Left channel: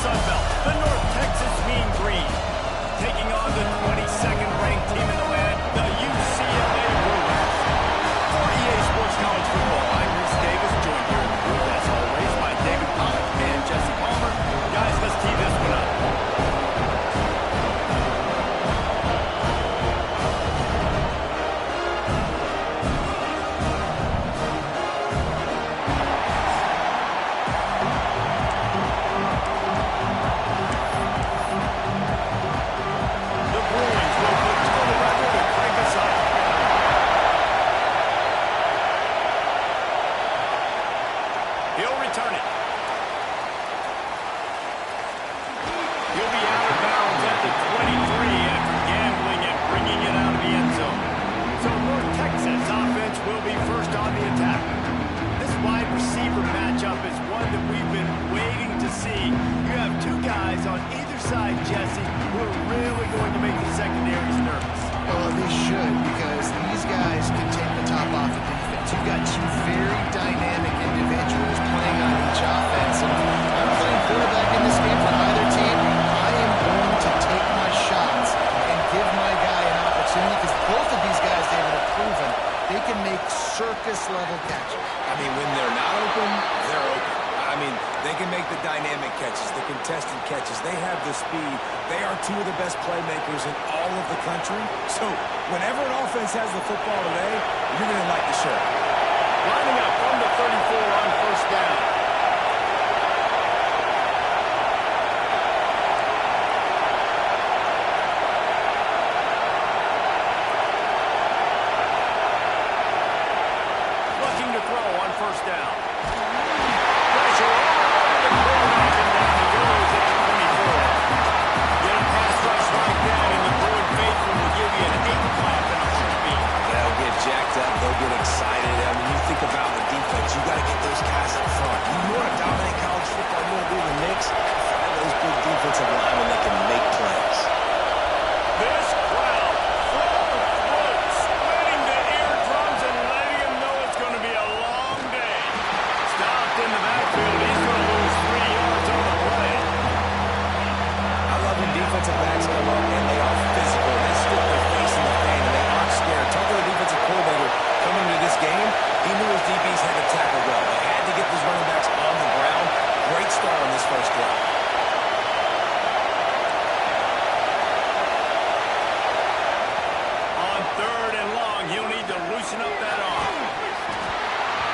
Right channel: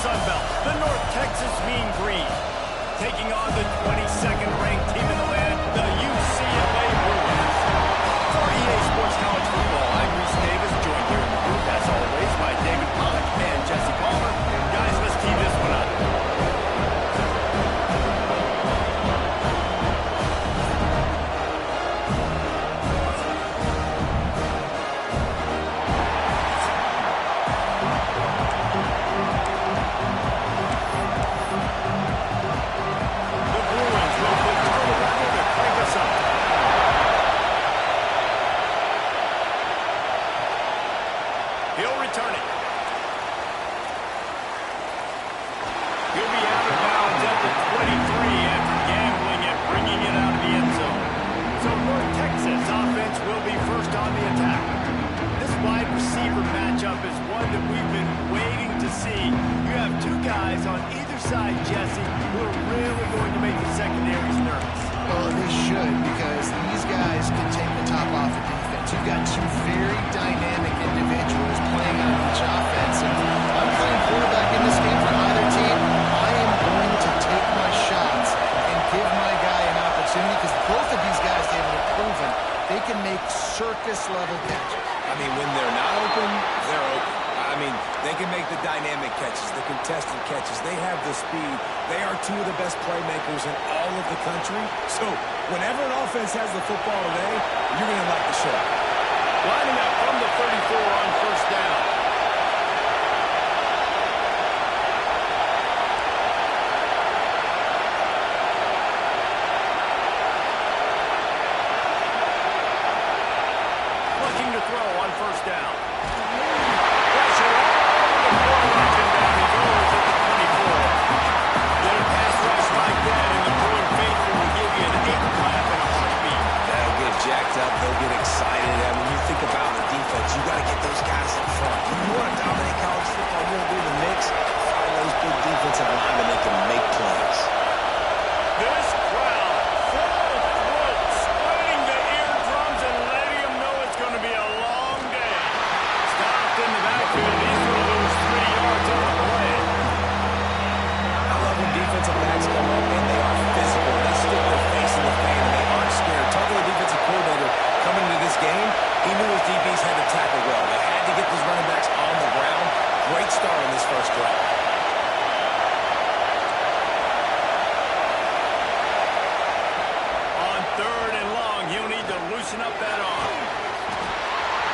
Sun Belt, the North Texas Mean Green, taking on the 22nd ranked team in the land, the UCLA Bruins. For EA Sports College Football, I'm Reese Davis, joined here in the booth, as always, by David Pollack and Jesse Palmer. Guys, let's tee this one up. He'll return it. He'll be out of bounds at the 23 after gambling and bringing it out of the end zone. So North Texas offense will be first on the attack. This wide receiver matchup is one that we've been waiting to see. You have two guys on either side, Jesse, who are really going to make the secondaries nervous. Well, they should, because these guys can take the top off of defense. You've got two very dynamic individuals playing on each offense, and I'm playing quarterback in this game for either team. I am going to take my shots and give my guy an opportunity, because both of these guys, David, have proven they can make circus-level catches. I mean, when they're not open, they're open. I mean, they can make the dynamic catches, the contested catches. They have the speed. They are two of the best playmakers in all of the country. So whenever an offense has the football today, you're going to like the show. Lining up from the 34 on first down. Looking to throw on first down. Pressure all over the quarterback, and down he goes at the 24. Get a pass rush like that, and the Bruin faithful will give you an 8 clap in a heartbeat. They'll get jacked up. They'll get excited. I mean, you think about the defense. You got to get those guys up front. You want to dominate college football. You want to be in the mix. Find those big defensive linemen that can make plays. This crowd, full throat, splitting the eardrums and letting them know it's going to be a long day. Stopped in the backfield. He's going to lose 3 yards on the play. I love when defensive backs come up and they are physical. They stick their face in the fan and they aren't scared. Talk to the defensive coordinator coming into this game. He knew his DBs had to tackle well. They had to get those running backs on the ground. Great start on this first drive. On 3rd and long, he'll need to loosen up that arm.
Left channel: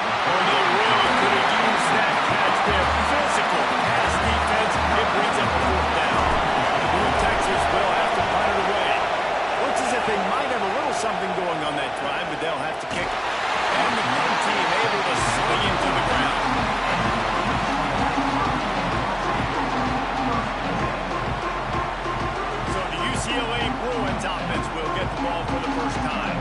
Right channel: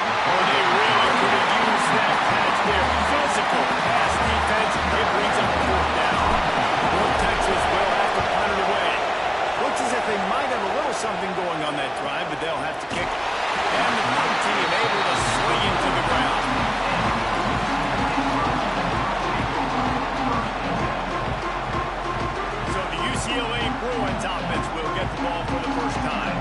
Or they really could have used that catch there. Physical pass defense. It brings up a 4th down. North Texas will have to punt it away. Looks as if they might have a little something going on that drive, but they'll have to kick it. And the punt team able to swing into the ground. So the UCLA Bruins offense will get the ball for the first time.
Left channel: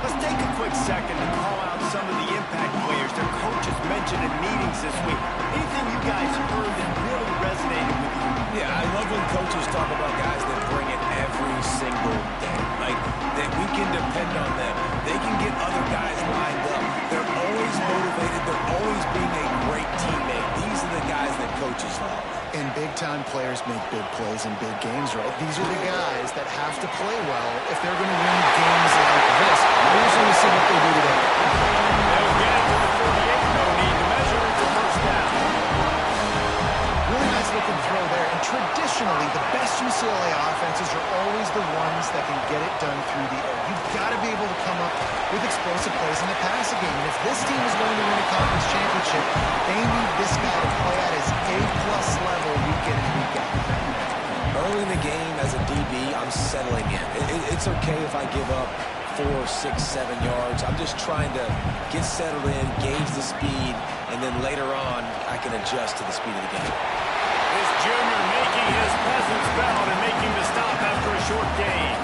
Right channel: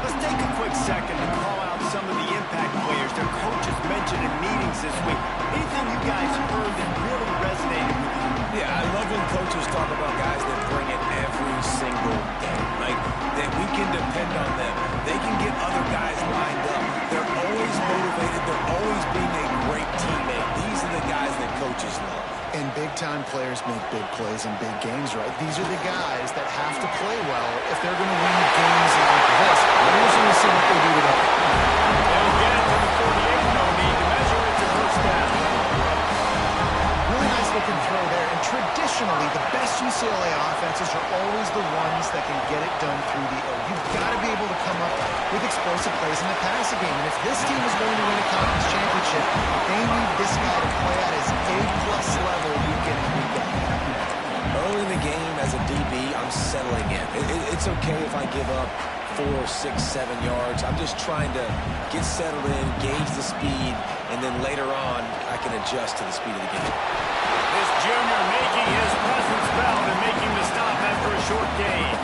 Let's take a quick second to call out some of the impact players their coaches mentioned in meetings this week. Anything you guys heard that really resonated with you? Yeah, I love when coaches talk about guys that bring it every single day. Like, that we can depend on them. They can get other guys lined up. They're always motivated. They're always being a great teammate. These are the guys that coaches love. And big-time players make big plays in big games, right? These are the guys that have to play well if they're going to win games like this. We're usually going to see what they do today. They'll get it to the 48. No need to measure. It's a first down. Really nice looking throw there. And traditionally, the best UCLA offenses are always the ones that can get it done through the air. You've got to be able to come up with explosive plays in the passing game. And if this team is going to win a conference championship, they need this guy to play at his A-plus level week in and week out. Early in the game, as a DB, I'm settling in. It's okay if I give up 4, 6, 7 yards. I'm just trying to get settled in, gauge the speed, and then later on, I can adjust to the speed of the game. This junior making his presence felt and making the stop after a short gain.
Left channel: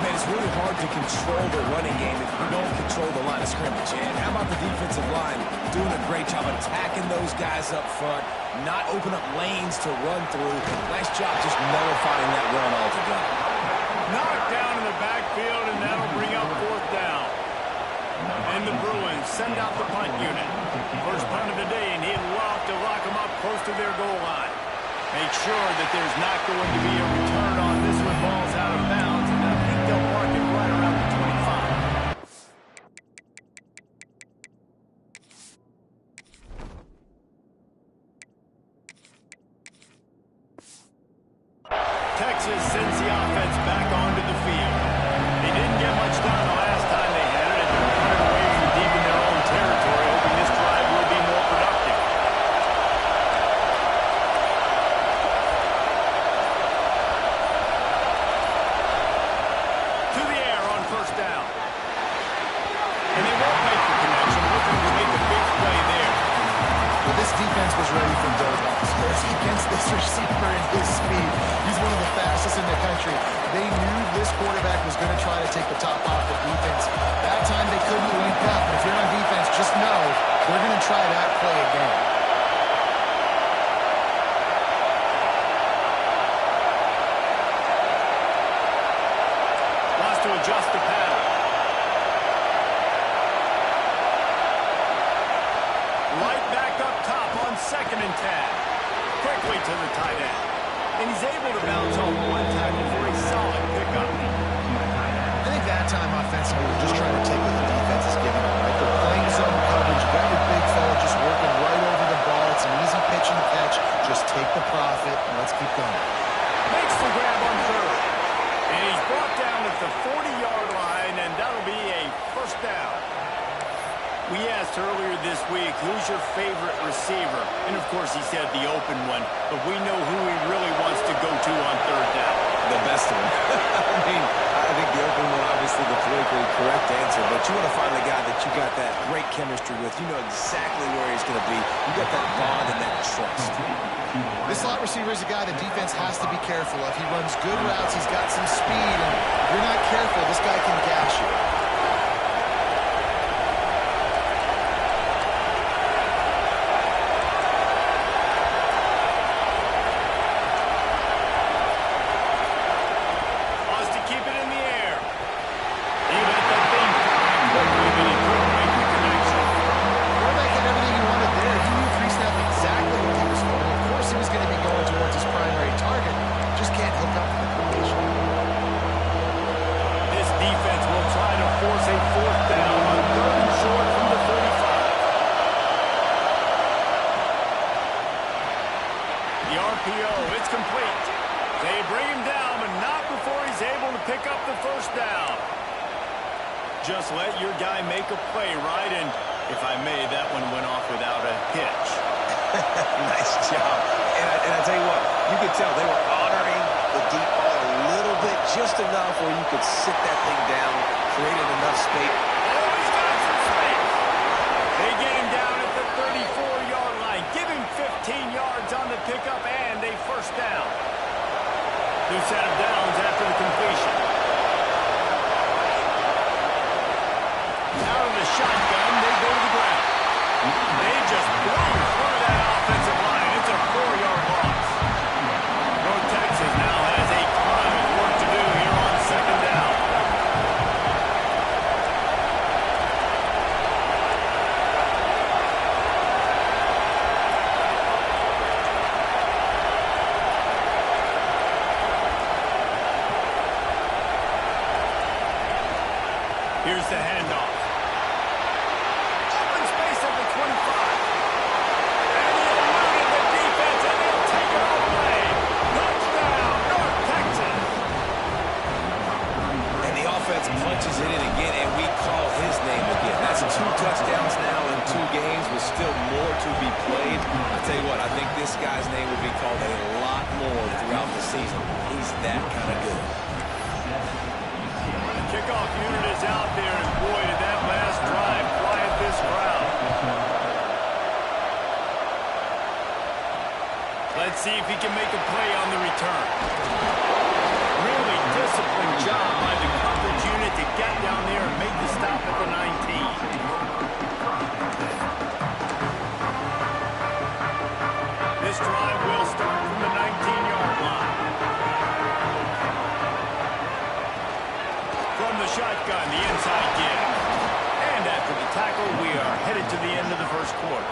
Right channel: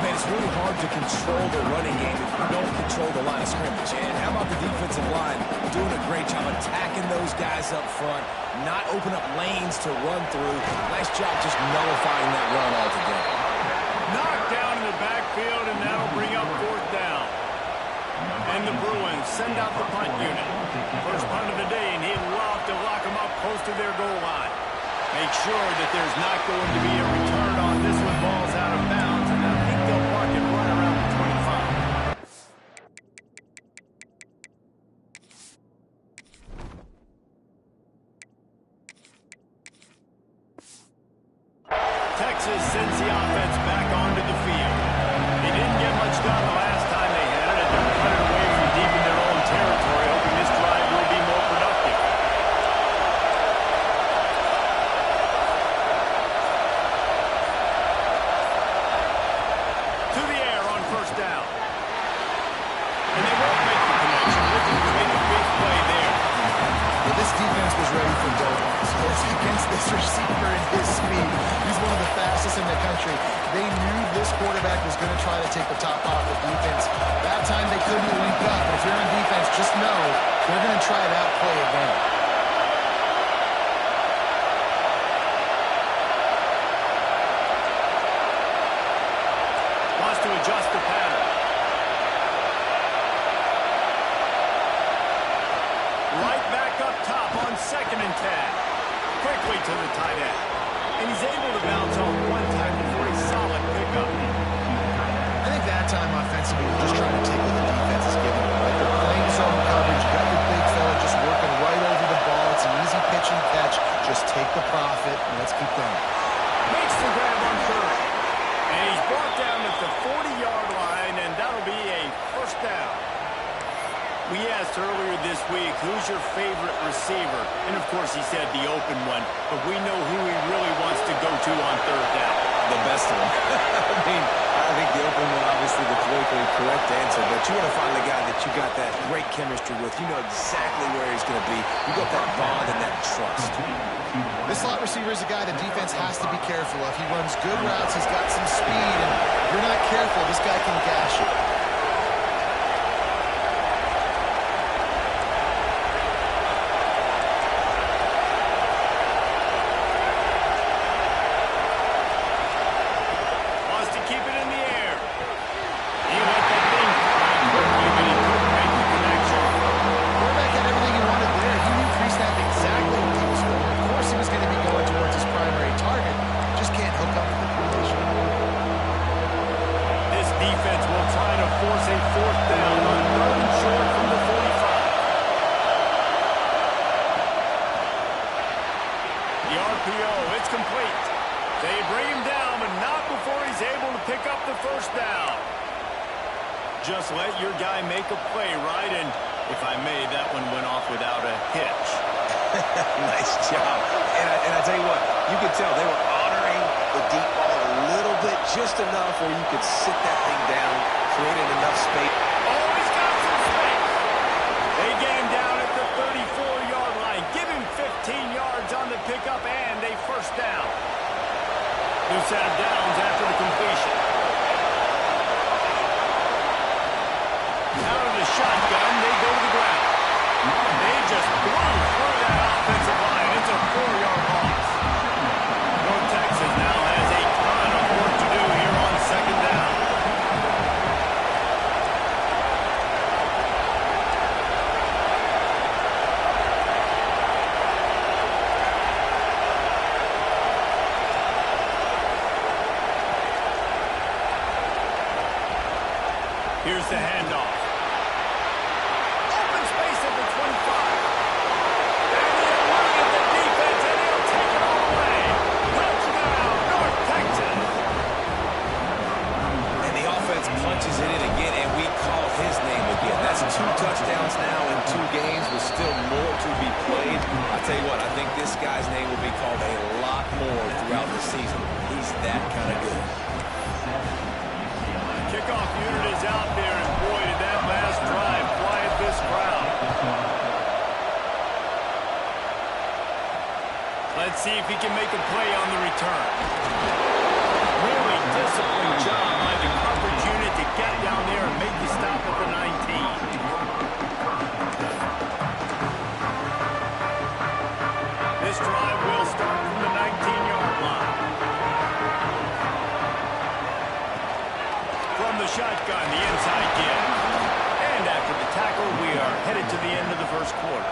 Man, it's really hard to control the running game if you don't control the line of scrimmage. And how about the defensive line doing a great job attacking those guys up front, not open up lanes to run through. Nice job just nullifying that run altogether. Knocked down in the backfield, and that'll bring up 4th down. And the Bruins send out the punt unit. First punt of the day, and he'd love to lock them up close to their goal line. Make sure that there's not going to be a return on this one. Ball's out of bounds, and I think they'll mark it right around the 25. Texas sends the offense back onto the field. They didn't get much done the last time they had it, and they're running away from deep in their own territory, hoping this drive will be more productive. To the air on first down. And they won't make the connection, looking to make a big play there. Well, this defense was ready for Douglas. Against this receiver and his speed. He's one of the fastest in the country. They knew this quarterback was going to try to take the top off the defense. That time they couldn't link up. But if you're on defense, just know they're going to try that play again. Wants to adjust the pattern. Right back up top on 2nd and 10. Quickly to the tight end. And he's able to bounce off one tackle for a solid pickup. I think that time offensively, they're just trying to take what the defense is giving them. Right? They're playing zone coverage. You got your big fella just working right over the ball. It's an easy pitch and catch. Just take the profit and let's keep going. Makes the grab on 3rd. And he's brought down at the 40-yard line, and that'll be a first down. We asked earlier this week, who's your favorite receiver? And, of course, he said the open one. But we know who he really wants to go to on 3rd down. The best of them. I mean, I think the open one, obviously the politically correct answer, but you want to find the guy that you got that great chemistry with. You know exactly where he's going to be. You got that bond and that trust. This slot receiver is a guy the defense has to be careful of. He runs good routes. He's got some speed, and if you're not careful, this guy can gash you. Defense will try to force a 4th down on 3rd and short from the 45. The RPO, it's complete. They bring him down, but not before he's able to pick up the first down. Just let your guy make a play, right? And if I may, that one went off without a hitch. Nice job. And I tell you what, you could tell they were honoring the deep ball a little bit, just enough where you could sit that thing down, created enough space. Oh, he's got some space. They get him down at the 34-yard line. Give him 15 yards on the pickup and a first down. New set of downs after the completion. Out of the shotgun, they go to the ground. They just blew through that offensive line. It's a 4-yard loss. North Texas now has a ton of work to do here on 2nd down. Here's the handoff. Open space at the 25. And he eluded the defense, and he'll take it all the way. Touchdown, North Texas. And the offense punches it in again, and we call his name again. That's 2 touchdowns now in 2 games with still more to be played. I tell you what, I think this guy's name will be called a lot more throughout the season. He's that kind of good. Kickoff unit is out there, and boy, did that last drive quiet this crowd. Let's see if he can make a play on the return. Really disciplined job by the coverage unit to get down there and make the stop at the 19. This drive will start from the 19-yard line. From the shotgun, the inside give. And after the tackle, we are headed to the end of the first quarter.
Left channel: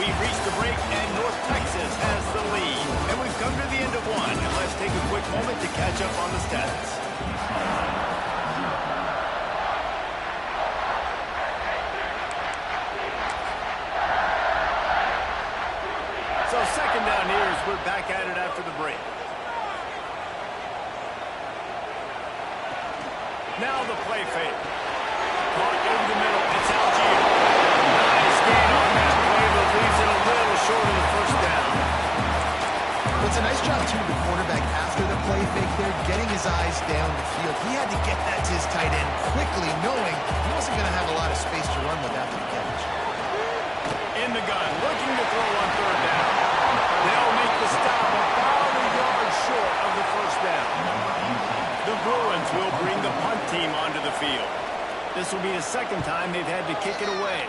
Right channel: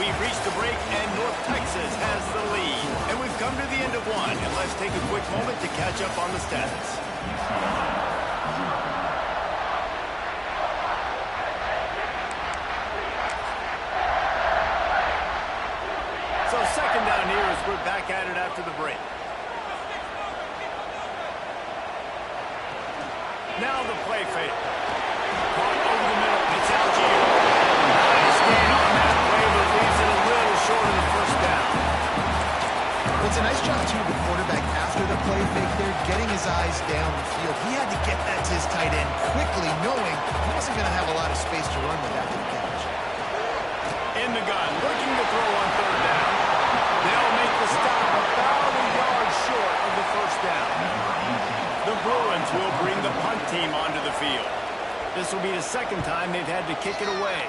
We've reached a break, and North Texas has the lead. And we've come to the end of one. And let's take a quick moment to catch up on the status. So second down here as we're back at it after the break. Now the play fake. Caught over the middle. It's Algier. Nice gain on that play, but leaves it a little short of the first down. Well, it's a nice job, too, of the quarterback after the play fake there, getting his eyes down the field. He had to get that to his tight end quickly, knowing he wasn't going to have a lot of space to run with after the catch. In the gun, looking to throw on third down. They'll make the stop about a yard short of the first down. The Bruins will bring the punt team onto the field. This will be the second time they've had to kick it away.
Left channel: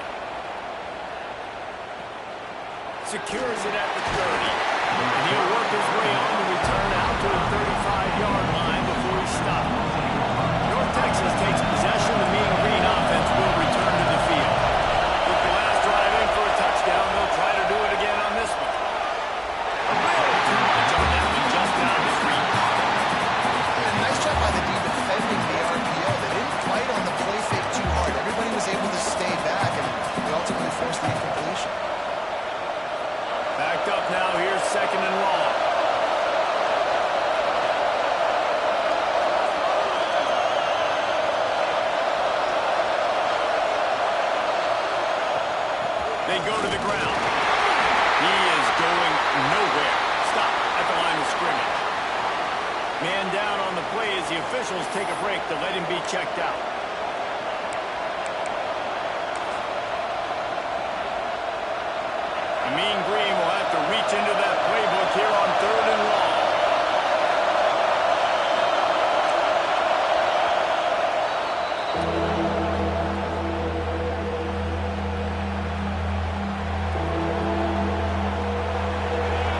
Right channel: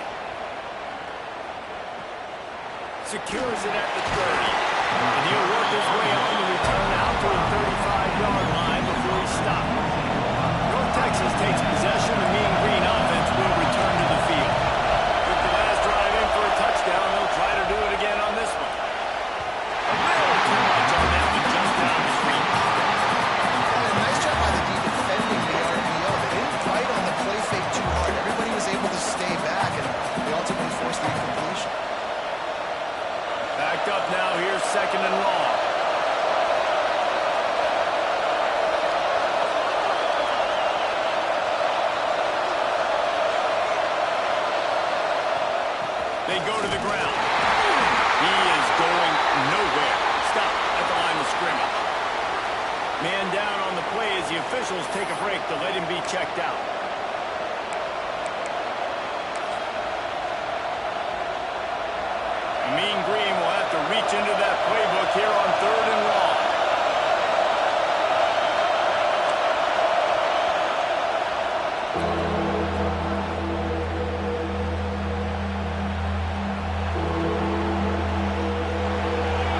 Secures it at the 30. And he'll work his way on to return out to the 35-yard line before he stops. North Texas takes possession. The Mean Green offense will return to the field. Took the last drive in for a touchdown. They'll try to do it again on this one. A little too much on that one, just out of his reach. Nice job by the D defending the RPO. They didn't fight on the play fake too hard. Everybody was able to stay back, and they ultimately forced the incompletion. Backed up now. Here's second and long. They go to the ground. He is going nowhere. Stop at the line of scrimmage. Man down on the play as the officials take a break to let him be checked out. The Mean Green will have to reach into that playbook here on third and long.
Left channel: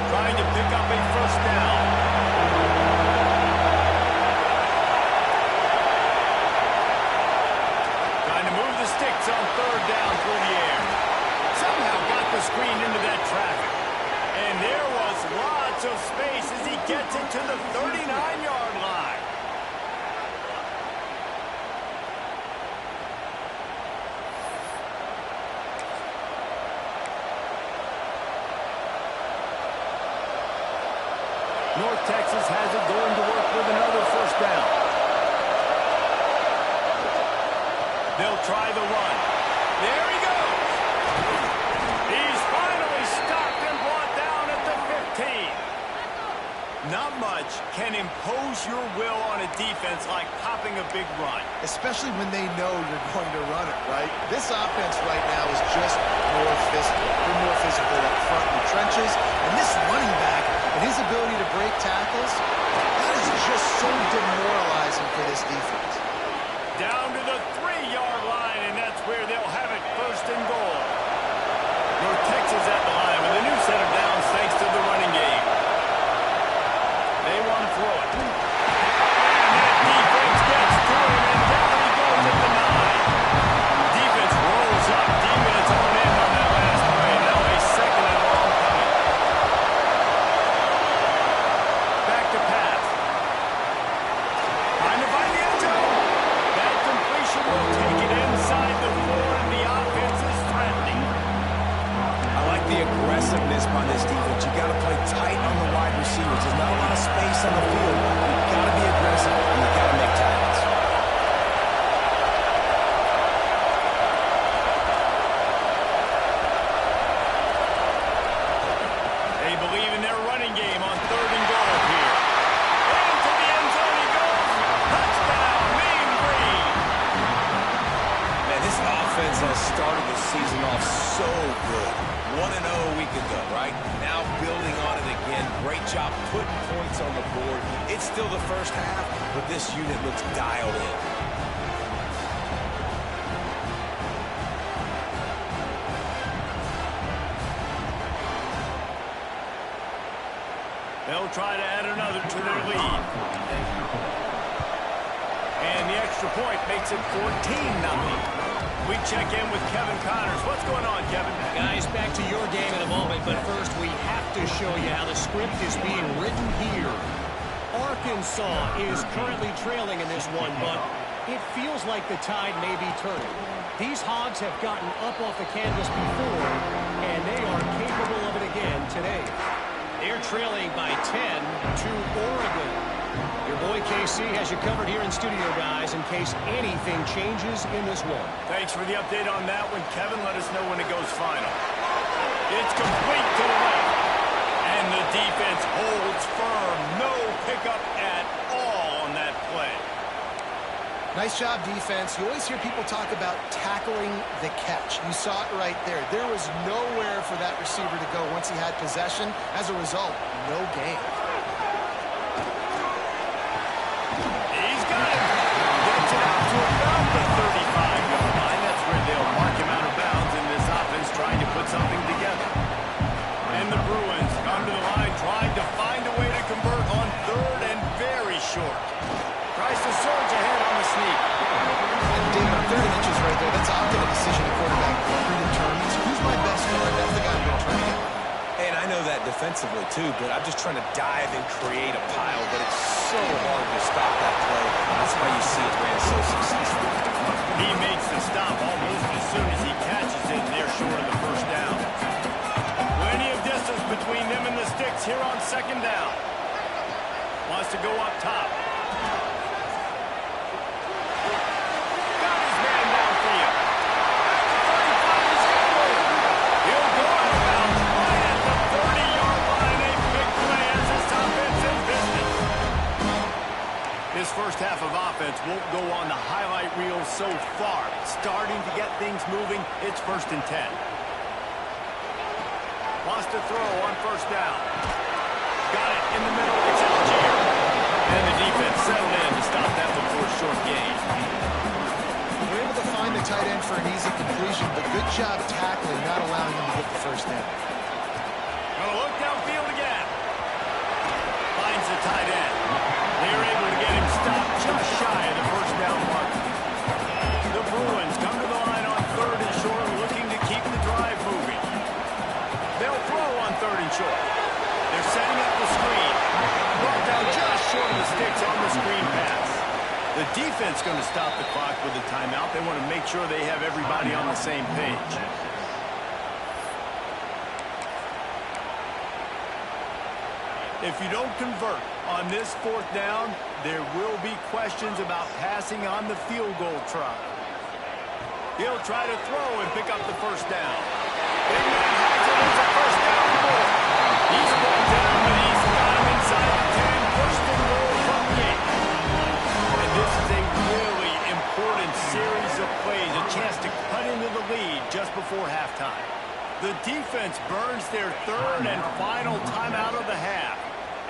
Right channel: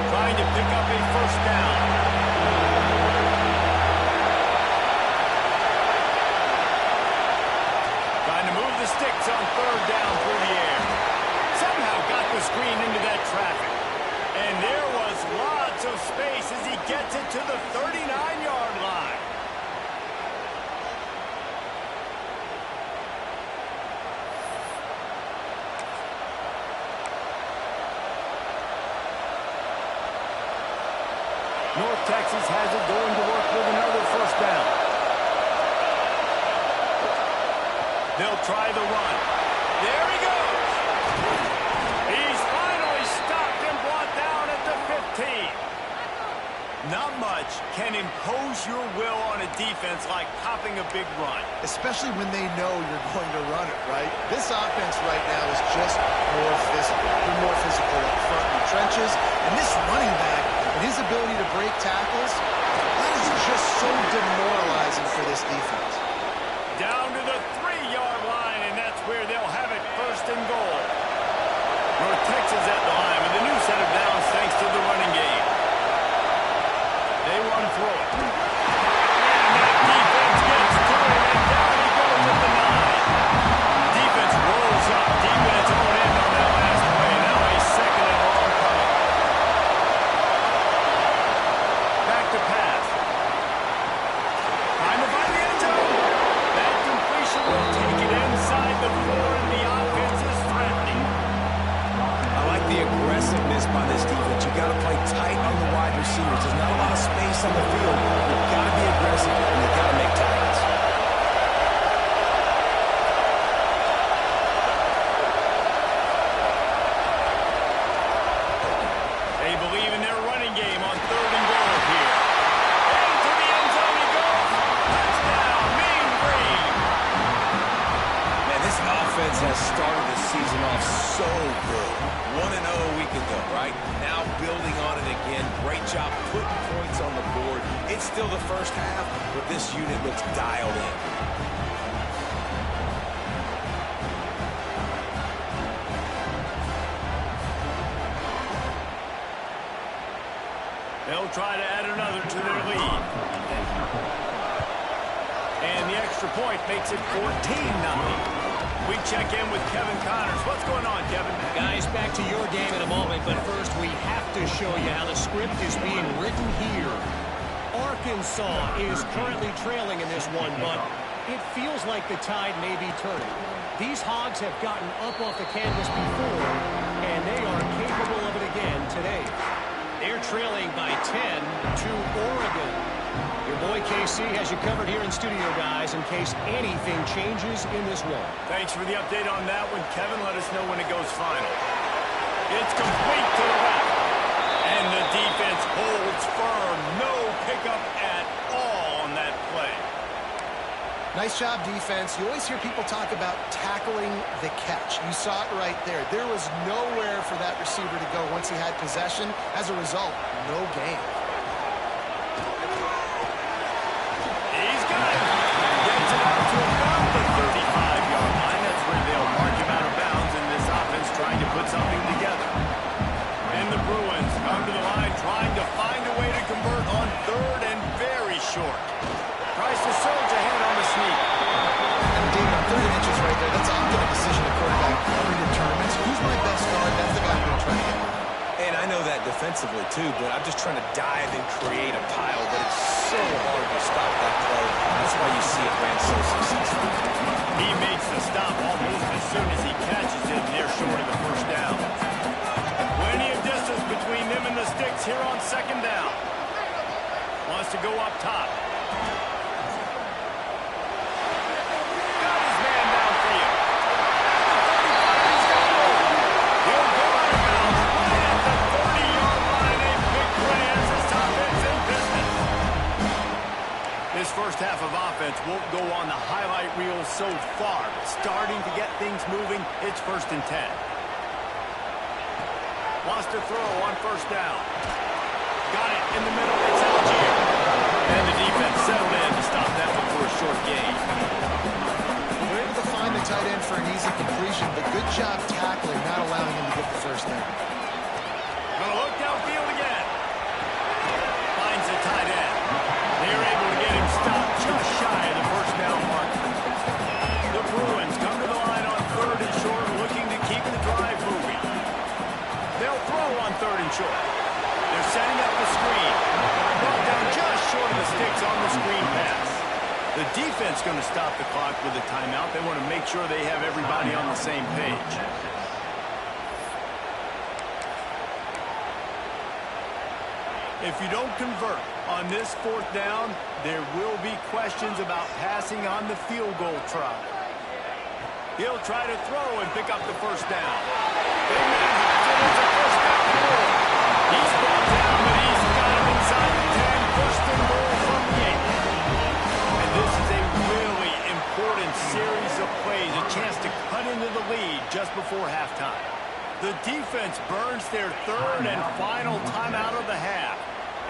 Trying to pick up a first down. Trying to move the sticks on third down through the air. Somehow got the screen into that traffic. And there was lots of space as he gets it to the 39-yard line. North Texas has it going to work with another first down. They'll try the run. There he goes. He's finally stopped and brought down at the 15. Not much can impose your will on a defense like popping a big run. Especially when they know you're going to run it, right? This offense right now is just more physical. They're more physical up front in the trenches. And this running back and his ability to break tackles, that is just so demoralizing for this defense. Down to the 3-yard line, and that's where they'll have it first and goal. North Texas at the line with a new set of downs thanks to the running game. They want to throw it. And that defense gets to him, and down he goes at the 9. Defense rolls up, deep in its own end on that last play. Now a second and long coming. Back to pass. Time to find the end zone. That completion will take it inside the 4, and the offense is threatening. I like the aggressiveness by this defense. You got to play tight on the wide receivers. There's not a lot of space on the field. You've got to be aggressive, and you've got to make tackles. They believe in their running game on third and goal here. Into the end zone he goes. Touchdown, Mean Green. Man, this offense has started the season off so good. 1-0 a week ago, right? Now building on it again. Great job putting points on the board. It's still the first half, but this unit looks dialed in. They'll try to add another to their lead. And the extra point makes it 14-0. We check in with Kevin Connors. What's going on, Kevin? Guys, back to your game in a moment, but first we have to show you how the script is being written here. Arkansas is currently trailing in this one, but it feels like the tide may be turning. These Hogs have gotten up off the canvas before, and they are capable of it again today. They're trailing by 10 to Oregon. Your boy KC has you covered here in studio, guys, in case anything changes in this one. Thanks for the update on that one, Kevin. Let us know when it goes final. It's complete to the left. And the defense holds firm. No pickup at all on that play. Nice job, defense. You always hear people talk about tackling the catch. You saw it right there. There was nowhere for that receiver to go once he had possession. As a result, no gain. He's got him. Gets it out to about the 35-yard line. That's where they'll mark him out of bounds in this offense trying to put something together. And the Bruins come to the line trying to find a way to convert on third and very short. Tries to surge ahead on the sneak. And David, on 30 inches right there, that's often a decision a quarterback predetermines. Who's my best guard? That's the guy I'm going to try to get by. And I know that defensively, too, but I'm just trying to dive and create a pile, but it's so hard to stop that play. That's why you see it ran so successful. He makes the stop almost as soon as he catches it, and they're short of the first down. Plenty of distance between them and the sticks here on second down. Wants to go up top. Got his man downfield. At the 35, he's got room. He'll go out of bounds right at the 30-yard line. A big play as this offense in business. This first half of offense won't go on the highlight reel so far, but starting to get things moving, it's 1st and 10. Wants to throw on first down. Got it in the middle. It's Algier. And the defense settled in to stop that one for a short gain. We're able to find the tight end for an easy completion, but good job tackling, not allowing him to get the first down. Gonna look downfield again. Finds the tight end. They're able to get him stopped just shy of the first down mark. The Bruins come to the line on third and short, looking to keep the drive moving. They'll throw on third and short. They're setting up the screen. Brought down just short of the sticks on the screen pass. The defense going to stop the clock with a timeout. They want to make sure they have everybody on the same page. If you don't convert on this fourth down, there will be questions about passing on the field goal try. He'll try to throw and pick up the first down. Big man has it. It's a first down and more. He's brought down, but he's got him inside the 10. First and goal from the 8. And this is a really important series of plays, a chance to cut into the lead just before halftime. The defense burns their third and final timeout of the half.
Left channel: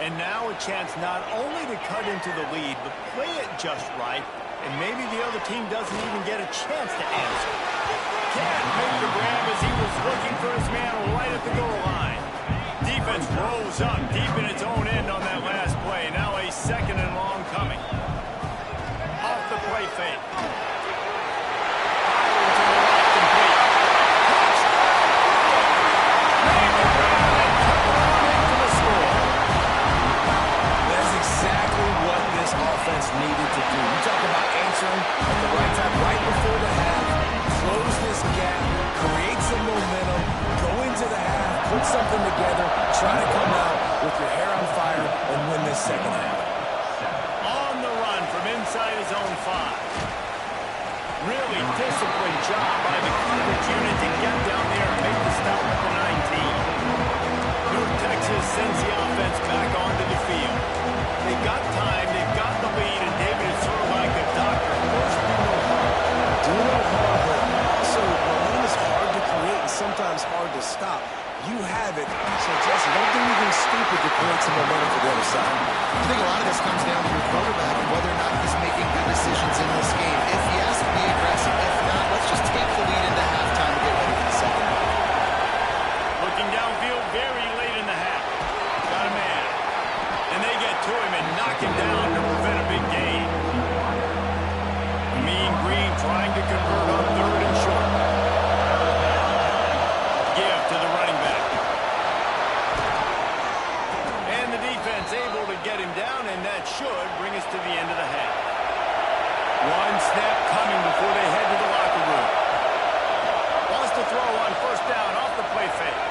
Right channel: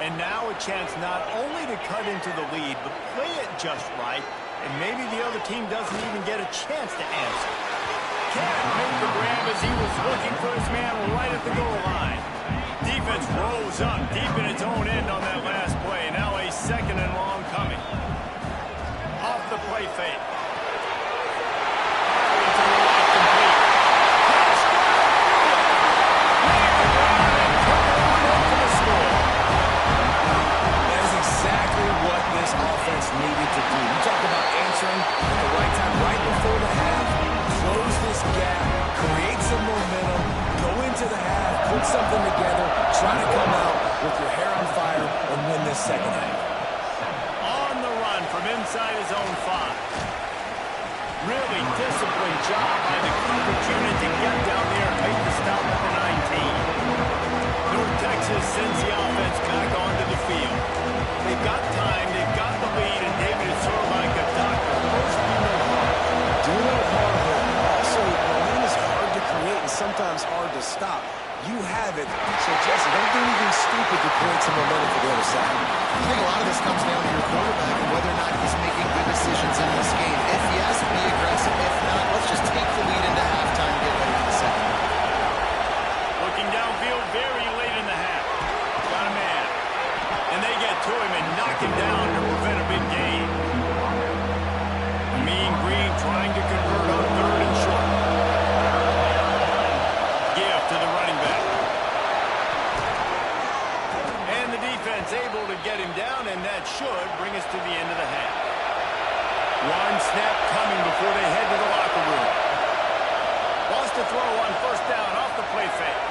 And now a chance not only to cut into the lead, but play it just right, and maybe the other team doesn't even get a chance to answer. Can't make the grab as he was looking for his man right at the goal line. Defense rose up deep in its own end on that last play. Now a second and long coming. Off the play fake. Firing to the right, complete. Touchdown, Bruins! Made the grab and took it on in for the score. That's exactly what this offense needed to do. You talk about answering at the right time, right before the half, close this gap, create some momentum, go into the half, put something together, try to come out with your hair on fire and win this second half. On the run from inside his own 5. Really disciplined job by the coverage unit to get down there and make the stop at the 19. North Texas sends the offense back onto the field. They've got time, they've got the lead, and David is sort of like a doctor. First, do no harm. Do no harm, but also momentum is hard to create and sometimes hard to stop. You have it, so Jesse, don't do anything stupid to create some momentum for the other side. I think a lot of this comes down to your quarterback and whether or not he's making good decisions in this game. If yes, be aggressive. If not, let's just take the lead into halftime and get ready for the second half. Looking downfield very late in the half. Got a man. And they get to him and knock him down to prevent a big gain. Mean Green trying to convert on third and short. and that should bring us to the end of the half. One snap coming before they head to the locker room. Wants to throw on first down off the play fake.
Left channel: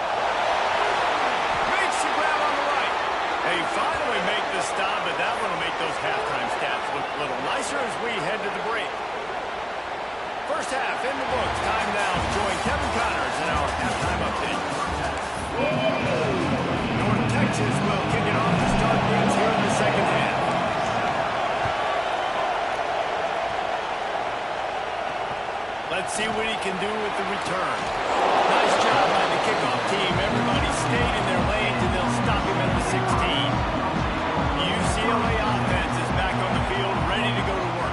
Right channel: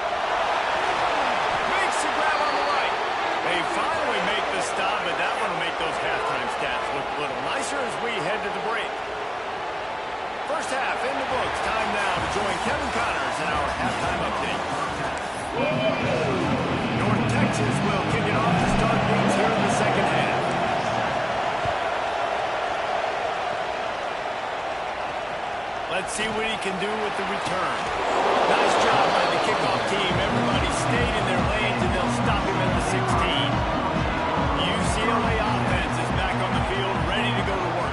Makes the grab on the right. They finally make the stop, but that one will make those halftime stats look a little nicer as we head to the break. First half in the books. Time now to join Kevin Connors in our halftime update. North Texas will kick it off to start things here in the second half. Let's see what he can do with the return. Nice job by the kickoff team. Everybody stayed in their lanes, and they'll stop him at the 16. The UCLA offense is back on the field, ready to go to work.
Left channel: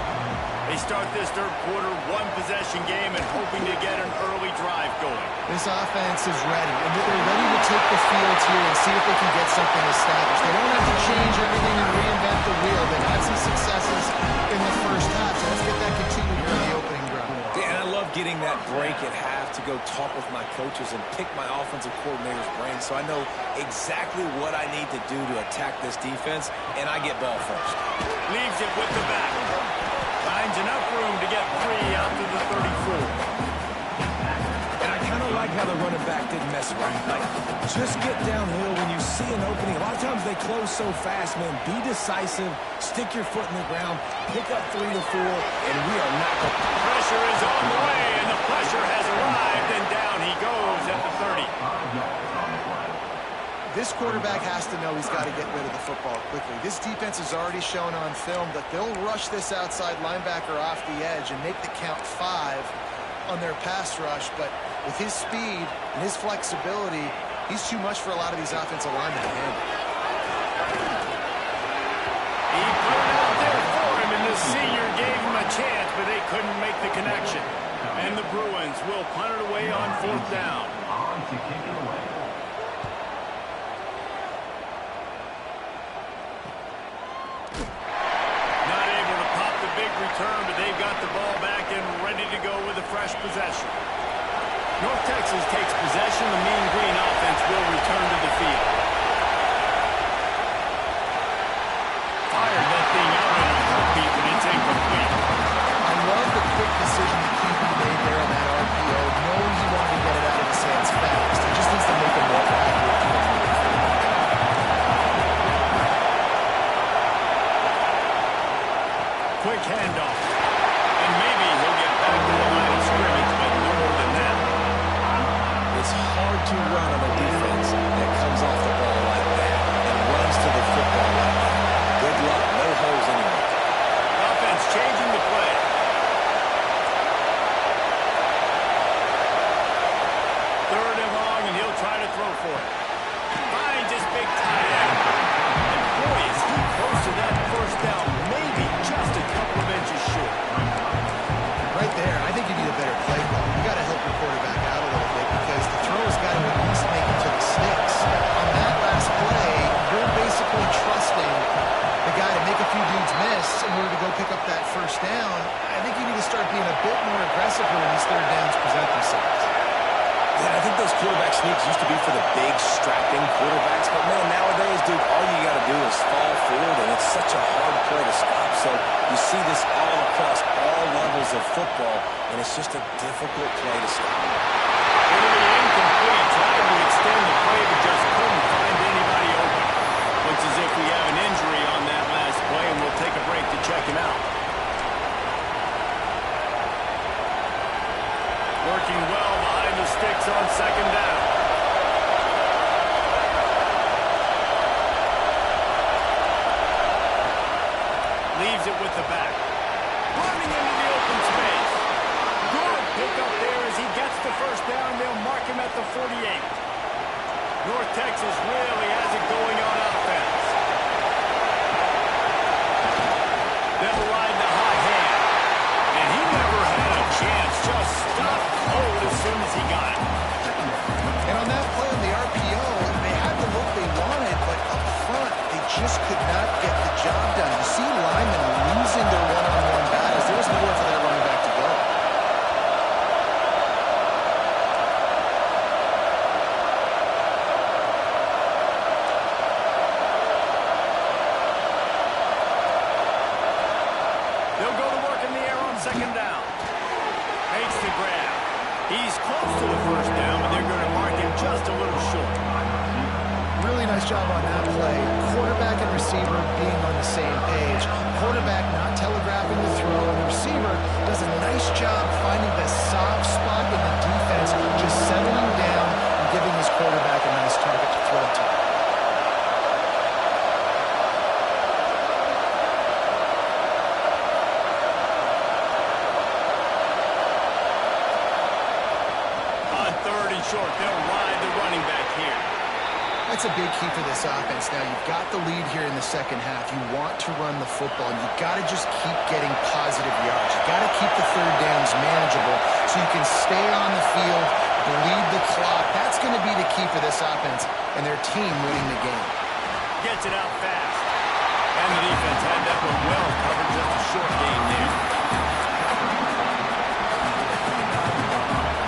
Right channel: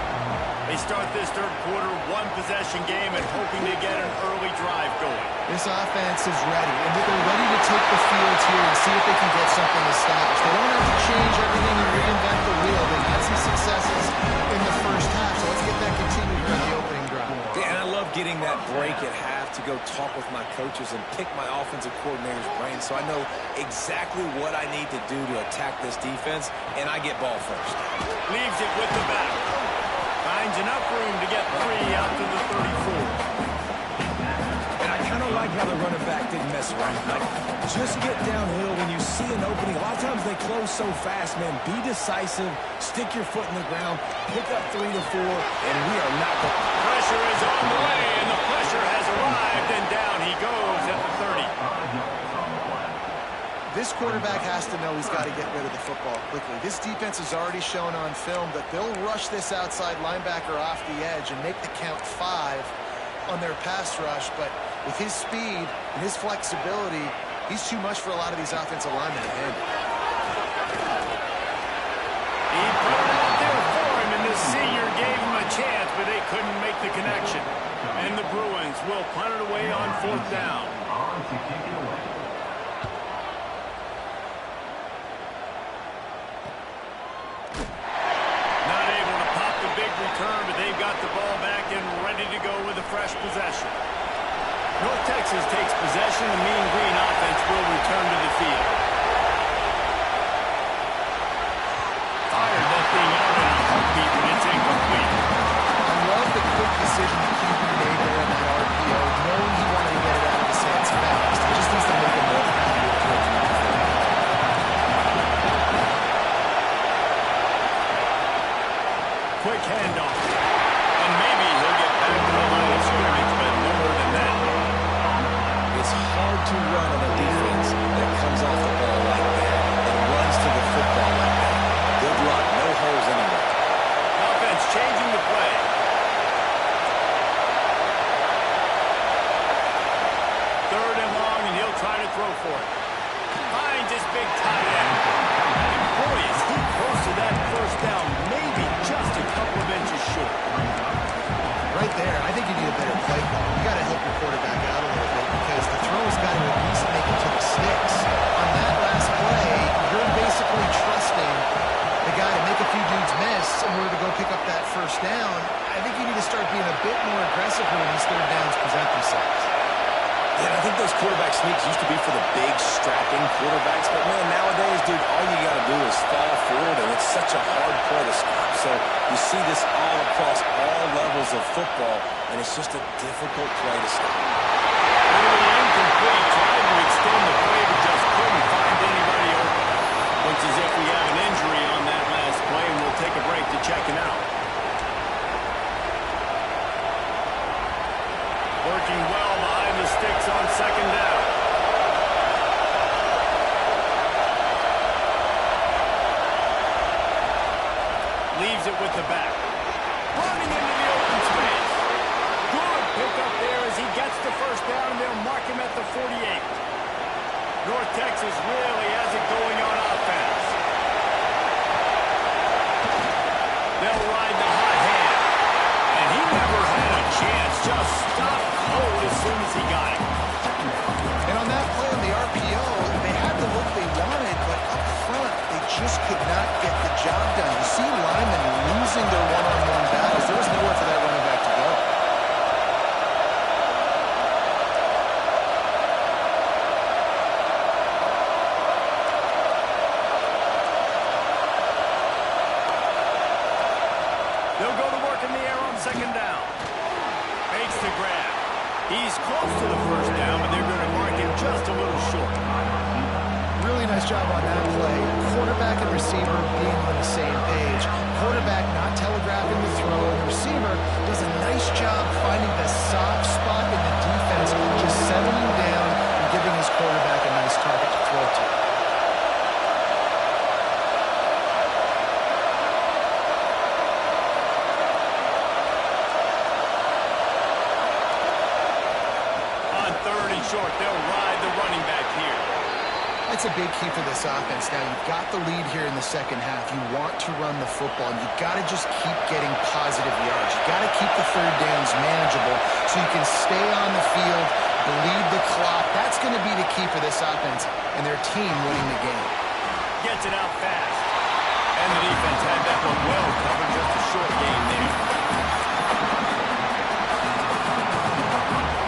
They start this third quarter, one-possession game, and hoping to get an early drive going. This offense is ready, and they're ready to take the field here and see if they can get something established. They don't have to change everything and reinvent the wheel. They had some successes in the first half, so let's get that continued here on the opening drive. And I love getting that break at half to go talk with my coaches and pick my offensive coordinator's brain so I know exactly what I need to do to attack this defense, and I get ball first. Leaves it with the back. Finds enough room to get 3 out to the 34. And I kind of like how the running back didn't mess around. Like, just get downhill when you see an opening. A lot of times they close so fast, man. Be decisive, stick your foot in the ground, pick up 3 to 4, and we are not going to... Pressure is on the way, and the pressure has arrived, and down he goes at the 30. This quarterback has to know he's got to get rid of the football quickly. This defense has already shown on film that they'll rush this outside linebacker off the edge and make the count 5 on their pass rush, but with his speed and his flexibility, he's too much for a lot of these offensive linemen to handle. He put it out there for him, and the senior gave him a chance, but they couldn't make the connection. And the Bruins will punt it away on fourth down. On to kick it away. Not able to pop the big return, but they've got the ball back and ready to go with a fresh possession. North Texas takes possession. The Mean Green offense will return to the field. Fired that thing out in a heartbeat, but it's incomplete. I love the quick decision the QB made there on that RPO, knowing he wanted to get it out of his hands fast. He just needs to make a more accurate throw moving forward. Quick handoff. And maybe he'll get back to the line of scrimmage, but no more than that. It's hard to run on a defense that comes off the ball like that and runs to the football like that. Good luck. No holes anywhere. Offense changing the play. Third and long, and he'll try to throw for it. Finds his big tight end. And boy, is he close to that first down. Maybe just a couple of inches short. Right there, I think you need a better play call. You got to help your quarterback out a little bit because the throw has got to at least make it to the sticks. On that last play, you're basically trusting the guy to make a few dudes miss in order to go pick up that first down. I think you need to start being a bit more aggressive here when these third downs present themselves. Yeah, I think those quarterback sneaks used to be for the big, strapping quarterbacks. But, man, nowadays, dude, all you got to do is fall forward, and it's such a hard play to stop. So you see this all across all levels of football, and it's just a difficult play to stop. Literally incomplete. Tried to extend the play, but just couldn't find anybody open. Looks as if we have an injury on that last play, and we'll take a break to check him out. Working well behind the sticks on second down. Leaves it with the back. Running into the open space. Good pickup there as he gets the first down, and they'll mark him at the 48. North Texas really has it going on offense. They'll ride the hot hand. And he never had a chance, just stopped cold as soon as he got it. And on that play on the RPO, they had the look they wanted, but up front, they just could not get the job done. You see linemen losing their one-on-one battles. There was nowhere for that running back to go. They'll go to work in the air on second down. Makes the grab. He's close to the first down, but they're going to mark him just a little short. Really nice job on that play. Quarterback and receiver being on the same page. Quarterback not telegraphing the throw, and the receiver does a nice job finding the soft spot in the defense, just settling down and giving his quarterback a nice target to throw to. On third and short, they'll ride the running back here. That's a big key for this offense. Now, you've got the lead here in the second half. You want to run the football, and you've got to just keep getting positive yards. You've got to keep the third downs manageable so you can stay on the field, bleed the clock. That's going to be the key for this offense and their team winning the game. Gets it out fast. And the defense had that one well covered. Just a short game there.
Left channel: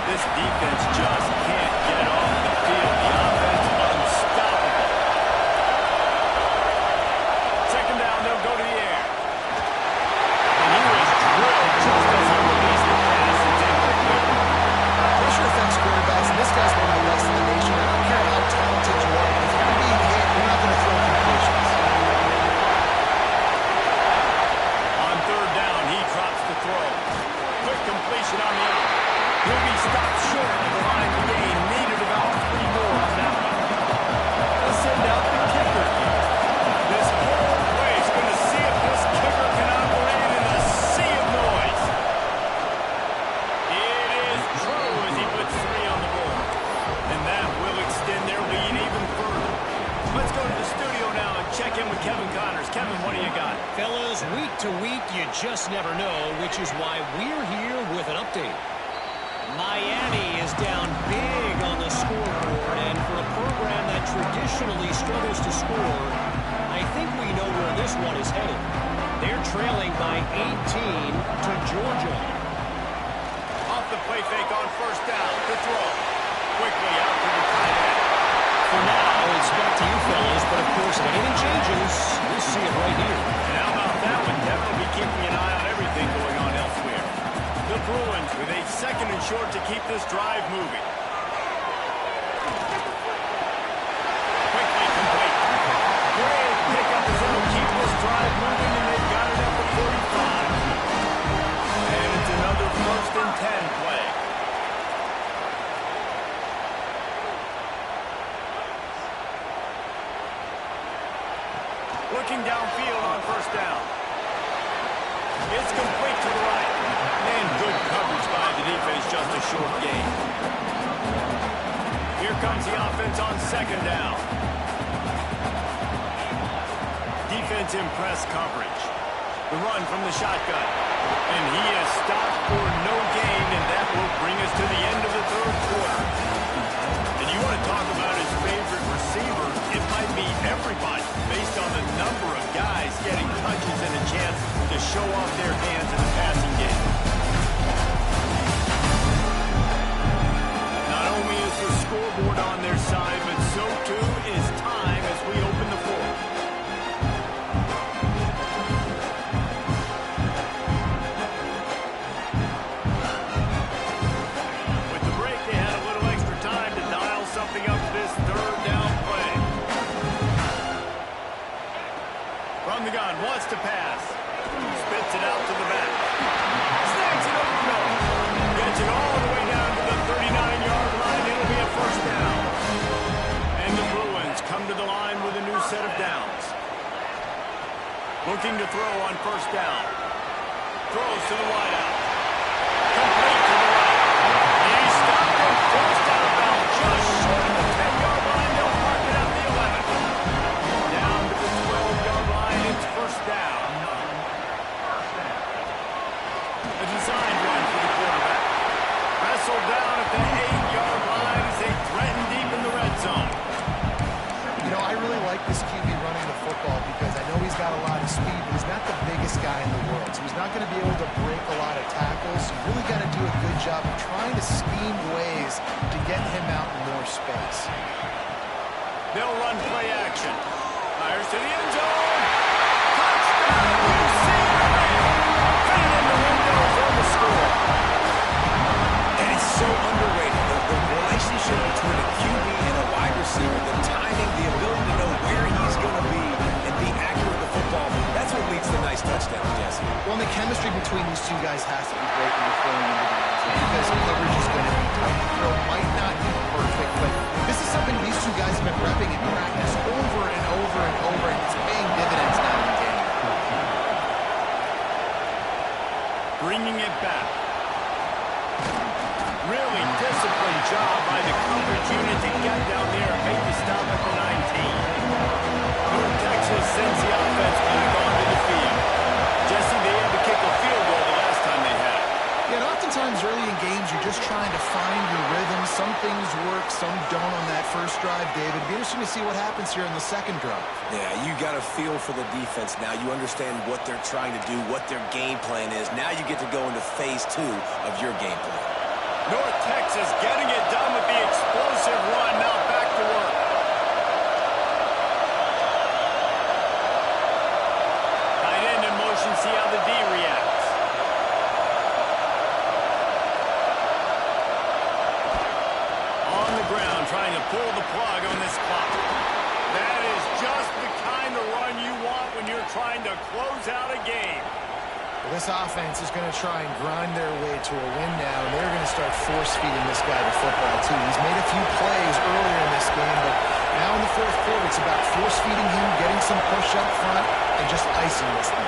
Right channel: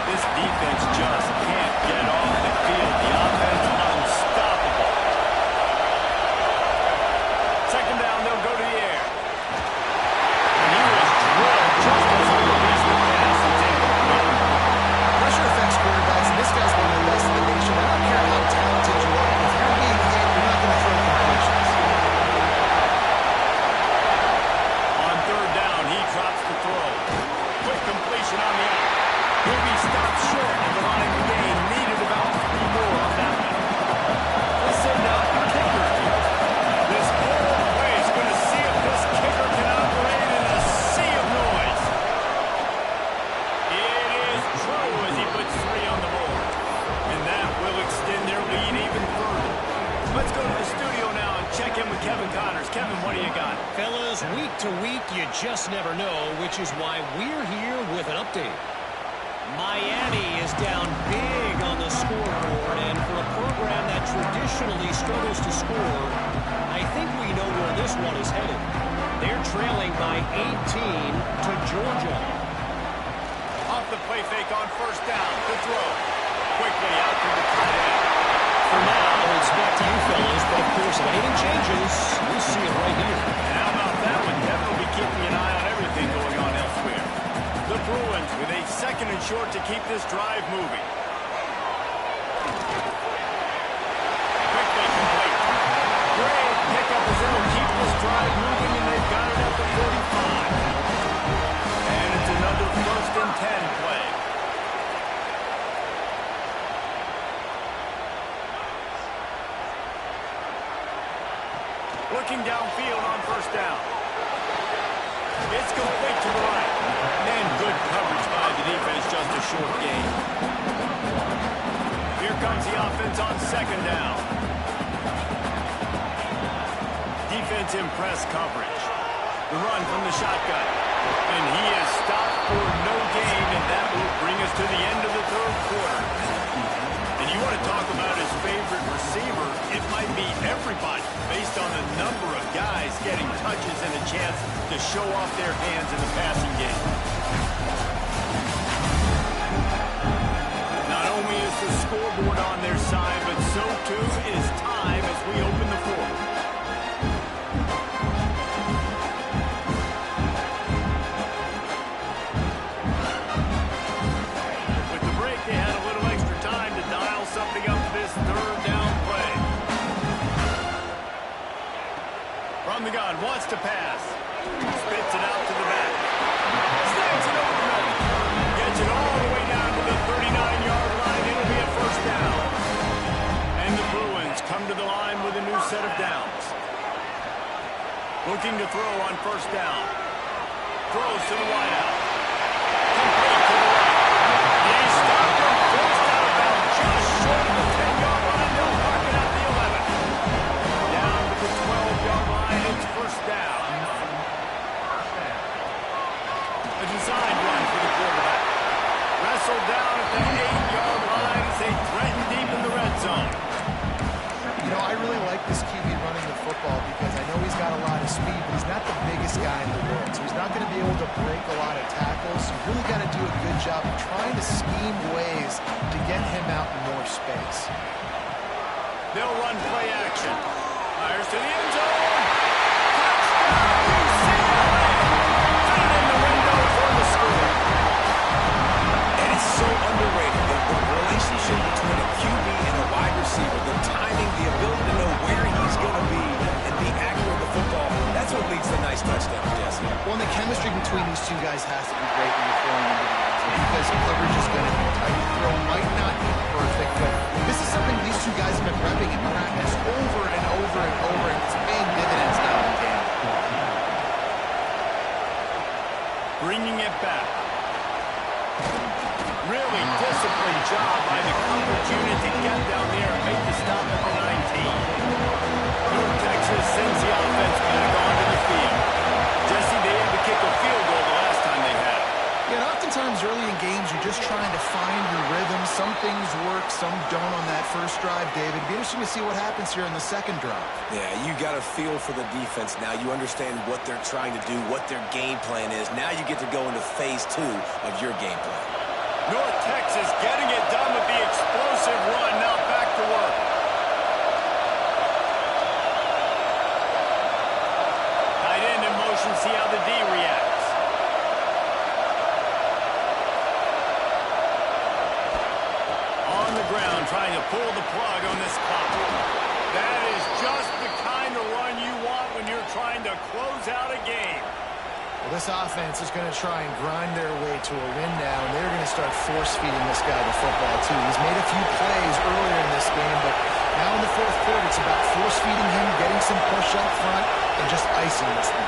This defense just can't get off the field. The offense unstoppable. Second down, they'll go to the air. And he was drilled just as he released the pass. It's incomplete. Pressure affects quarterbacks, and this guy's one of the best in the nation. I don't care how talented you are. If you're being hit, you're not going to throw completions. On third down, he drops the throw. Quick completion on the out. He'll be stopped short of the line to gain. Needed about 3 more on that one. They'll send out the kicker here. This whole play is going to see if this kicker can operate in a sea of noise. It is true as he puts 3 on the board. And that will extend their lead even further. Let's go to the studio now and check in with Kevin Connors. Kevin, what do you got? Fellas, week to week, you just never know, which is why we're here with an update. Miami is down big on the scoreboard, and for a program that traditionally struggles to score, I think we know where this one is headed. They're trailing by 18 to Georgia. Off the play fake on first down. The throw. Quickly out to the tight end. For now, it's back to you fellas, but of course, if anything changes, we'll see it right here. And how about that one? Devin will be keeping an eye on everything going on elsewhere. The Bruins with a second and short to keep this drive moving. Quickly complete. Great pickup as they'll keep this drive moving, and they've got it at the 45. And it's another 1st and 10 play. Looking downfield on first down. It's complete to the right. And good coverage by the defense, just a short gain. Here comes the offense on second down. Defense in press coverage. The run from the shotgun. And he is stopped for no gain, and that will bring us to the end of the third quarter. And you want to talk about his favorite receiver, it might be everybody, based on the number of guys getting touches and a chance to show off their hands in the passing game. Not only is the scoreboard on their side, but so too is time as we open the fourth. With the break, they had a little extra time to dial something up this third down play. From the gun, wants to pass. Spits it out to the back. Snags it over the middle. Gets it all the way down to the 39-yard line. It'll be a first down. And the Bruins come to the line with a new set of downs. Looking to throw on first down. Throws to the wideout. Complete to the right. He stopped and forced out of bounds just short of the 10-yard line. They'll mark it at the 11. Down to the 12-yard line. It's first down. A designed run for the quarterback. Wrestled down at the 8-yard line as they threaten deep in the red zone. You know, I really like this QB running the football because I know he's got a lot of speed, but he's not the biggest guy in the world. So he's not going to be able to break a lot of tackles. So you really got to do a good job of trying to scheme ways to get him out in more space. They'll run play action. Fires to the end zone. Touchdown, UCLA! chemistry between these two guys has to be great when you're throwing into the end zone because coverage is going to be tight. The throw might not be perfect, but this is something these two guys have been repping in practice over and over and over, and it's paying dividends now in game. Bringing it back. Really disciplined job by the coverage unit to get down there and make the stop at the 19. North Texas sends the offense back onto the field. Jesse, they had to kick a field goal the last time they had it. Yeah, and oftentimes early in games, you're just trying to find your rhythm. Some things work, some don't on that first drive, David. It'd be interesting to see what happens here in the second drive. Yeah, you got a feel for the defense now. You understand what they're trying to do, what their game plan is. Now you get to go into phase 2 of your game plan. North Texas getting it done with the explosive run. Now back to work. Tight end in motion. See how the D reacts. On the ground, trying to pull the plug on this clock. That is just the kind of run you want when you're trying to close out a game. Well, this offense is going to try and grind their way to a win now, and they're going to start force-feeding this guy the football, too. He's made a few plays earlier in this game, but now in the fourth quarter, it's about force-feeding him, getting some push up front, and just icing this thing.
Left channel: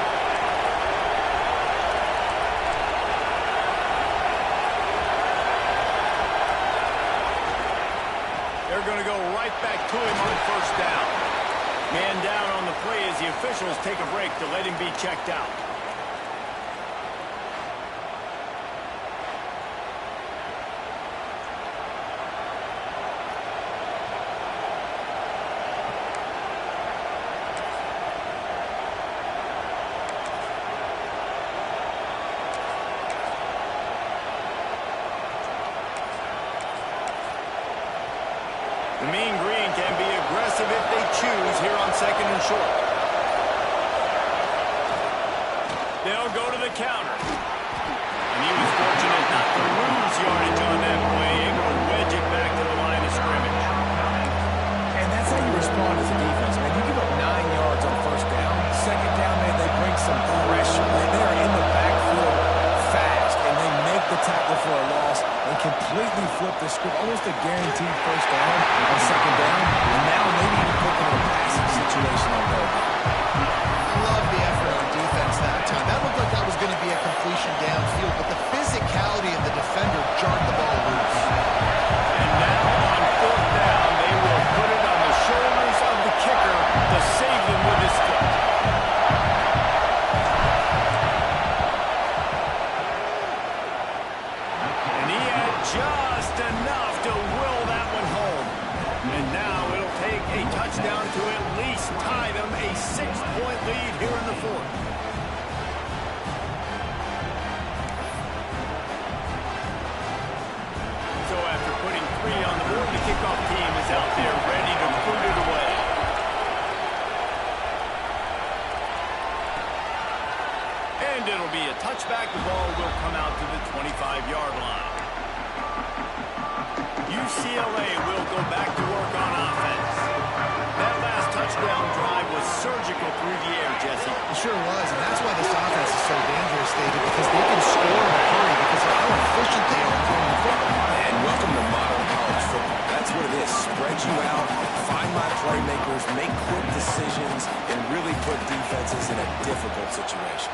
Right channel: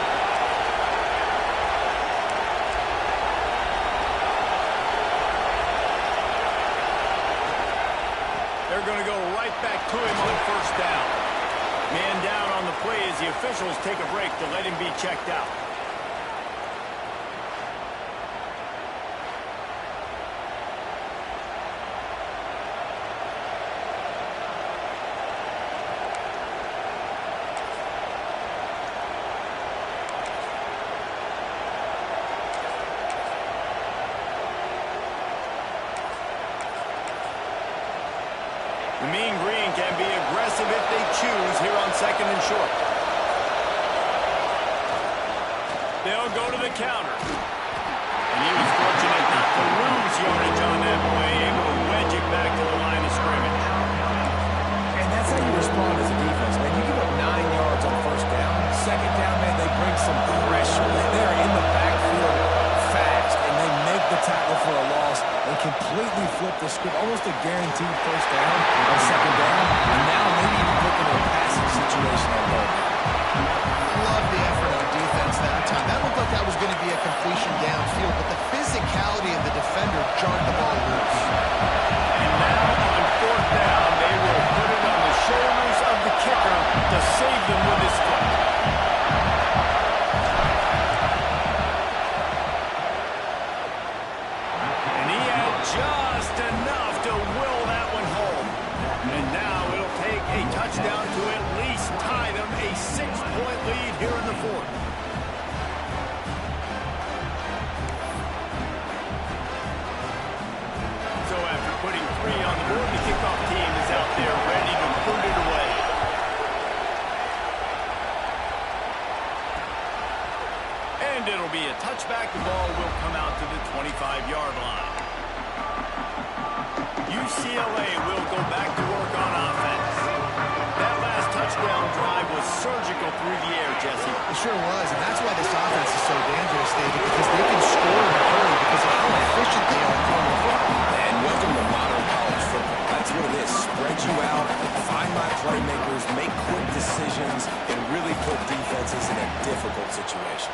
They're going to go right back to him on first down. Man down on the play as the officials take a break to let him be checked out. The Mean Green can be aggressive if they choose here on second and short. They'll go to the counter. And he was fortunate not to lose yardage on that play, able to wedge it back to the line of scrimmage. And that's how you respond as a defense, man. You give up 9 yards on first down. Second down, man, they bring some pressure. They're in the backfield fast, and they make the tackle for a loss and completely flip the script, almost a guaranteed first down on second down, and now maybe even looking at a passing situation on third down. Love the effort on defense that time. That looked like that was going to be a completion downfield, but the physicality of the defender jarred the ball loose. And now on fourth down, they will put it on the shoulders of the kicker to save them with his foot. And he had just enough to will that one home. And now it'll take a touchdown to at least tie them a 6-point lead here in the fourth. So after putting 3 on the board, the kickoff team is out there ready to put it away. And it'll be a touchback. The ball will come out to the 25-yard line. UCLA will go back to work on offense. That last touchdown drive was surgical through the air, Jesse. It sure was, and that's why this offense is so dangerous, David, because they can score in a hurry because of how efficient they are throwing the football. And welcome to modern college football. That's what it is. Spread you out, find my playmakers, make quick decisions, and really put defenses in a difficult situation.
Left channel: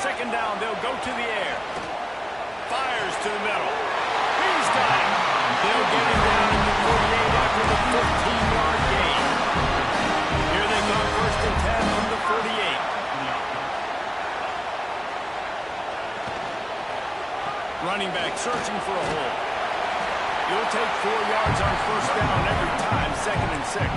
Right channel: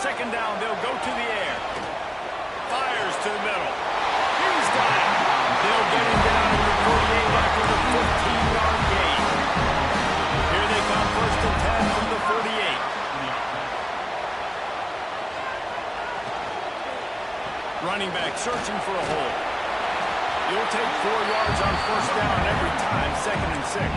Second down, they'll go to the air. Fires to the middle. He's got it. They'll get him down in the 48 after the 15-yard gain. Here they come, first and 10 from the 48. Running back searching for a hole. You'll take 4 yards on first down every time, second and 6.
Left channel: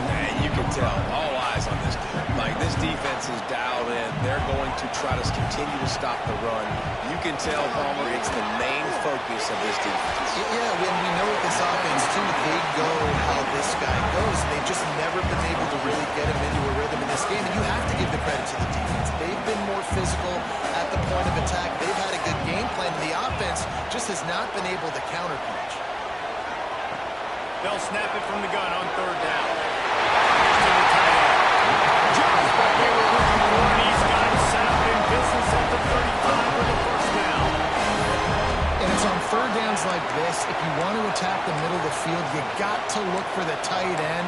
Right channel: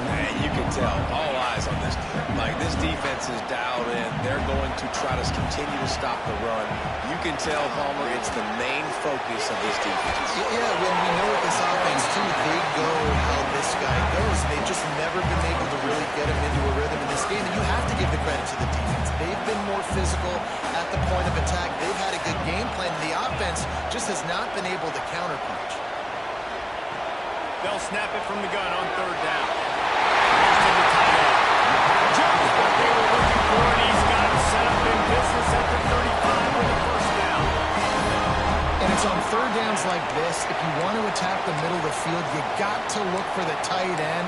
Man, you can tell, all eyes on this team. Like, this defense is dialed in. They're going to try to continue to stop the run. You can tell, Palmer, it's the main focus of this defense. Yeah, when we know with this offense, too, they go how this guy goes. They've just never been able to really get him into a rhythm in this game, and you have to give the credit to the defense. They've been more physical at the point of attack. They've had a good game plan, and the offense just has not been able to counterpunch. They'll snap it from the gun on third down. Here's to the tight end. Just what they were looking for, and he's got third downs like this, if you want to attack the middle of the field, you got to look for the tight end.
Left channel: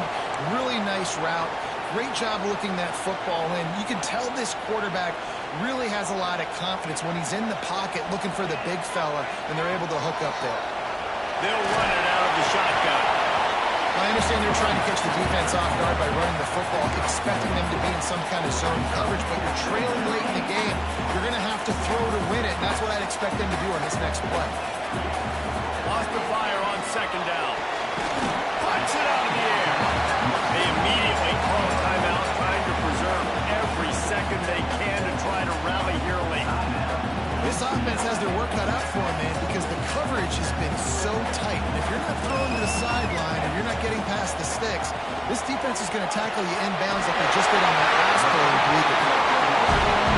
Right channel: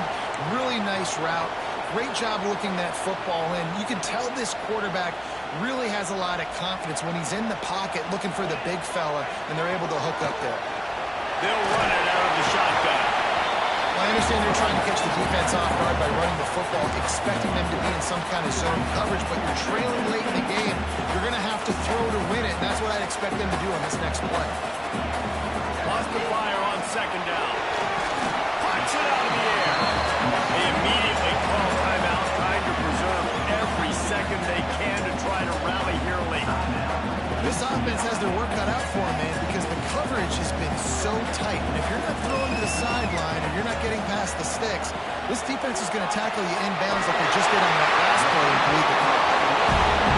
Really nice route. Great job looking that football in. You can tell this quarterback really has a lot of confidence when he's in the pocket looking for the big fella, and they're able to hook up there. They'll run it out of the shotgun. Well, I understand they're trying to catch the defense off guard by running the football, expecting them to be in some kind of zone coverage, but you're trailing late in the game. You're going to have to throw to win it, and that's what I'd expect them to do on this next play. Lost the fire on second down. Punch it out of the air. They immediately call timeout, trying to preserve every second they can to try to rally here late. This offense has their work cut out for them, man, because the coverage has been so tight. And if you're not throwing to the sideline or you're not getting past the sticks, this defense is going to tackle you inbounds like they just did on that last play and bleed the clock.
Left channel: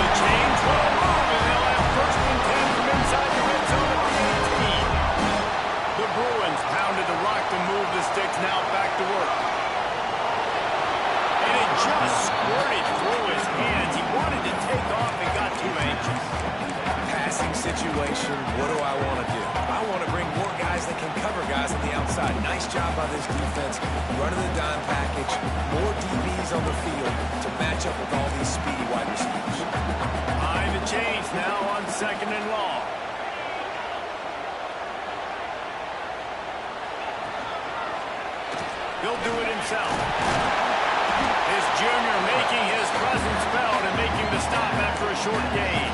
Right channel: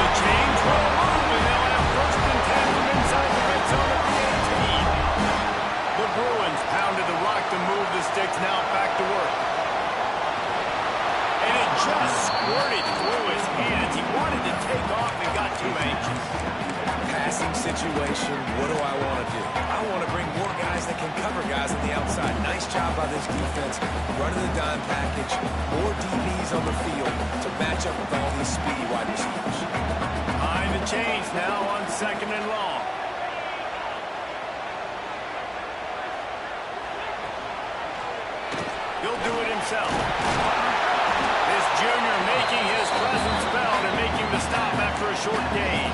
The chains will move, and they'll have first and 10 from inside the red zone at the 18. The Bruins pounded the rock to move the sticks, now back to work. And it just squirted through his hands. He wanted to take off and got too anxious. Passing situation, what do I want to do? I want to bring more guys that can cover guys on the outside. Nice job by this defense, running the dime package, more DBs on the field to match up with all these speedy wide receivers. Behind the chains now on second and long. He'll do it himself. This junior making his presence felt and making the stop after a short gain.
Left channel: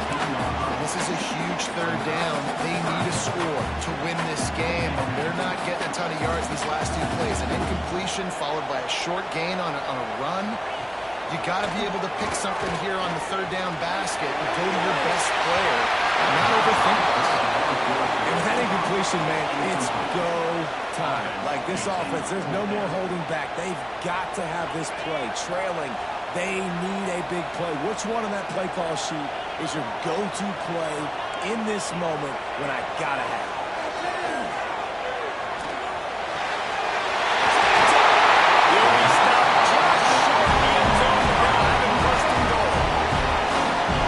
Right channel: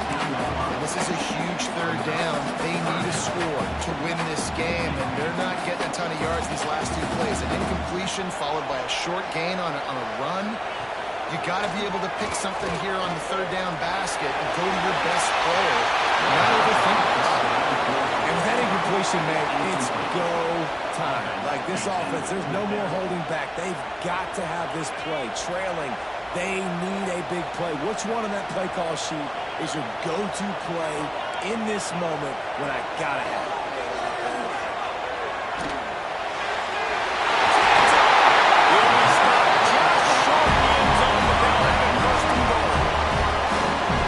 This is a huge third down. They need a score to win this game, and they're not getting a ton of yards these last two plays. An incompletion followed by a short gain on a run. You got to be able to pick something here on the third down basket and go to your best player. Not overthink this. And with that incompletion, man, it's go time. Like this offense, there's no more holding back. They've got to have this play. Trailing, they need a big play. Which one on that play call sheet is your go-to play in this moment when I got to have it? He'll be stopped just short of the end zone, but they'll have it first and goal.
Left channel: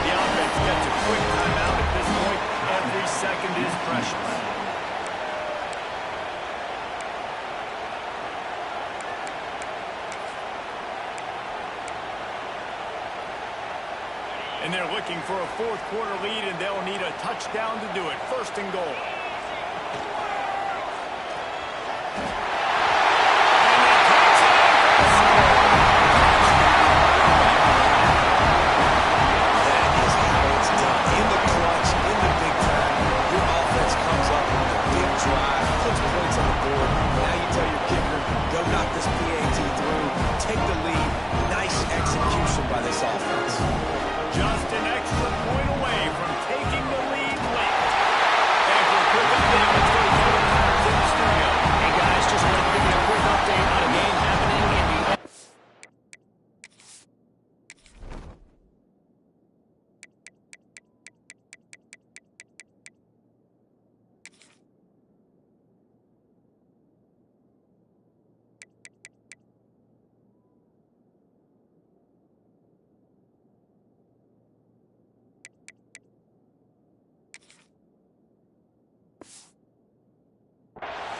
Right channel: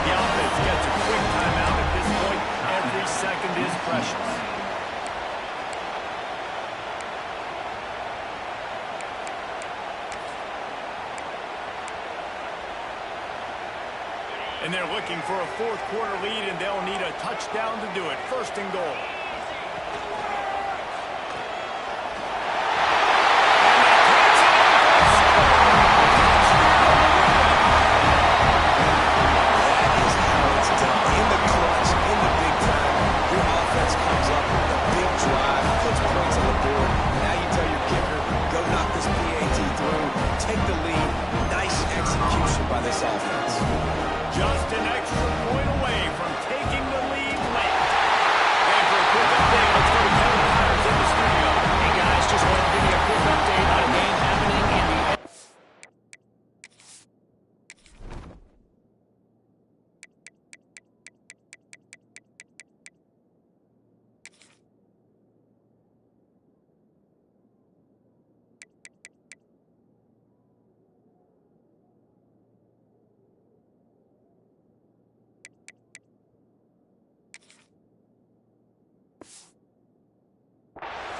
The offense gets a quick timeout at this point. Every second is precious. And they're looking for a fourth quarter lead, and they'll need a touchdown to do it. First and goal. Puts points on the board. Now you tell your kicker, go knock this PAT through, take the lead. Nice execution by this offense. Just an extra point away from taking the lead late. And for a quick update, let's go to Kevin Myers in the studio. Hey guys, just wanted to give you a quick update on a game happening in the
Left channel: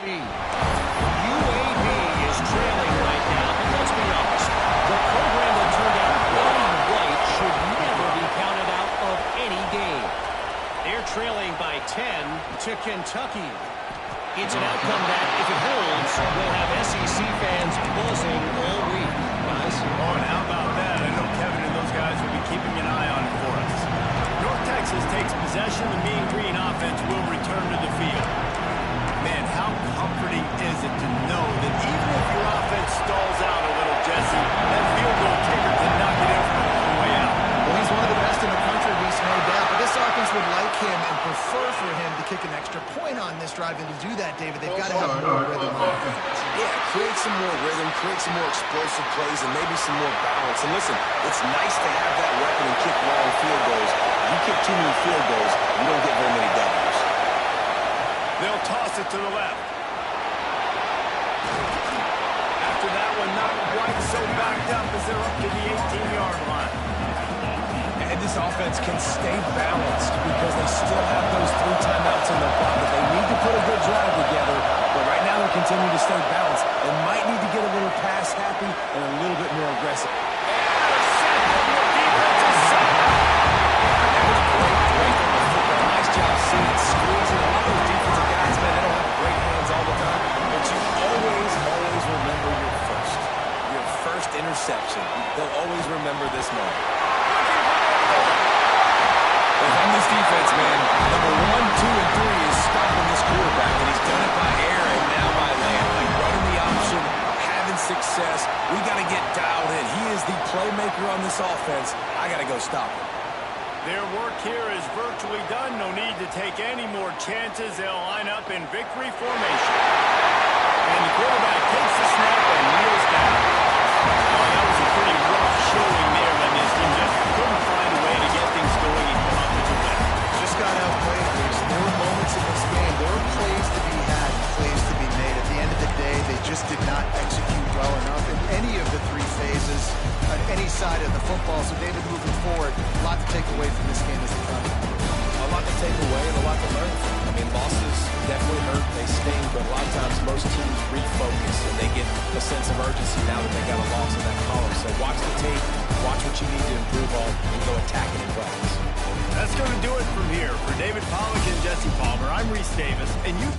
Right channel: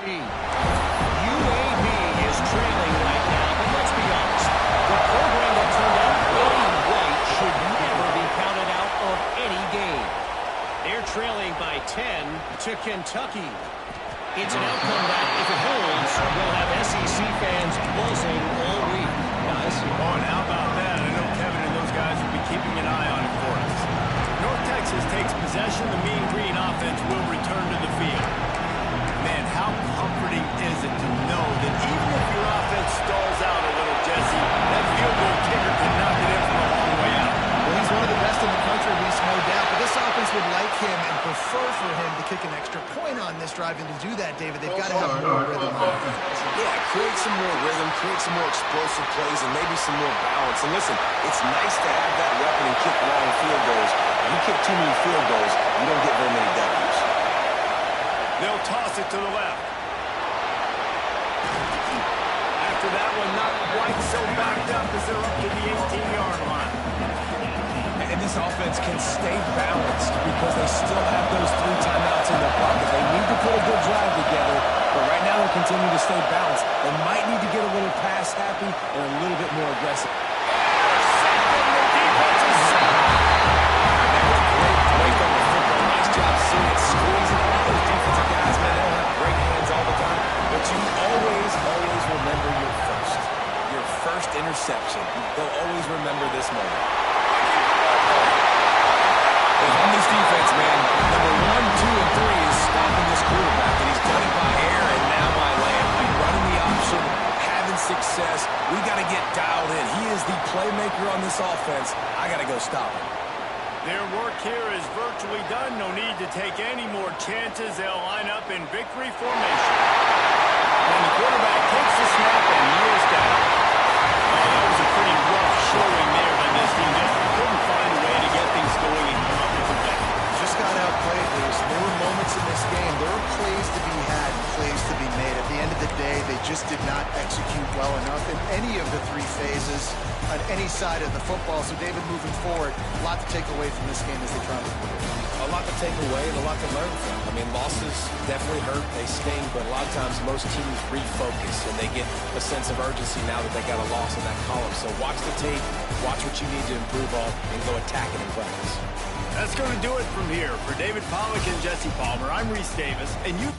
UAB is trailing right now, but let's be honest. The program that turned out really white should never be counted out of any game. They're trailing by 10 to Kentucky. It's an outcome that, if it holds, will have SEC fans buzzing all week. Guys? Oh, and how about that? I know Kevin and those guys will be keeping an eye on it for us. North Texas takes possession. The Mean Green offense will return to the field. Man, how comforting is it to know that even if your offense stalls out a little, Jesse, that field goal kicker can knock it in from a long way out. Well, he's one of the best in the country, Reese, no doubt. But this offense would like him and prefer for him to kick an extra point on this drive. And to do that, David, they've got to have more rhythm on offense. Yeah, create some more rhythm, create some more explosive plays, and maybe some more balance. And listen, it's nice to have that weapon and kick long field goals. You kick too many field goals, you don't get very many W's. They'll toss it to the left. After that one, not quite so backed up as they're up to the 18-yard line. And this offense can stay balanced because they still have those 3 timeouts in their pocket. They need to put a good drive together, but right now they're continuing to stay balanced. They might need to get a little pass happy and a little bit more aggressive. Intercepting the defensive side. That was great break on the football. Nice job seeing it squeezing. A lot of those defensive guys, man, they don't have great hands all the time, but you always remember your first interception. They'll always remember this moment. If I'm this defense, man, number 1, 2, and 3 is stopping this quarterback, and he's done it by air and now by land. Like running the option, having success. We got to get dialed in. He is the playmaker on this offense. I got to go stop him. Their work here is virtually done. No need to take any more chances. They'll line up in victory formation. And the quarterback takes the snap and kneels down. Oh, that was a pretty rough showing there by this team. Just couldn't find a way to get things going and come up with a win. Just got outplayed, Reeves. There were moments in this game. There were plays to be had and plays to be made. At the end of the day, they just did not execute well enough in any of the 3 phases on any side of the football. So, David, moving forward, a lot to take away from this game as they try to improve. A lot to take away and a lot to learn from. I mean, losses definitely hurt. They sting, but a lot of times most teams refocus and they get a sense of urgency now that they got a loss in that column. So watch the tape, watch what you need to improve on, and go attack it in practice. That's going to do it from here. For David Pollack and Jesse Palmer, I'm Reese Davis, and you...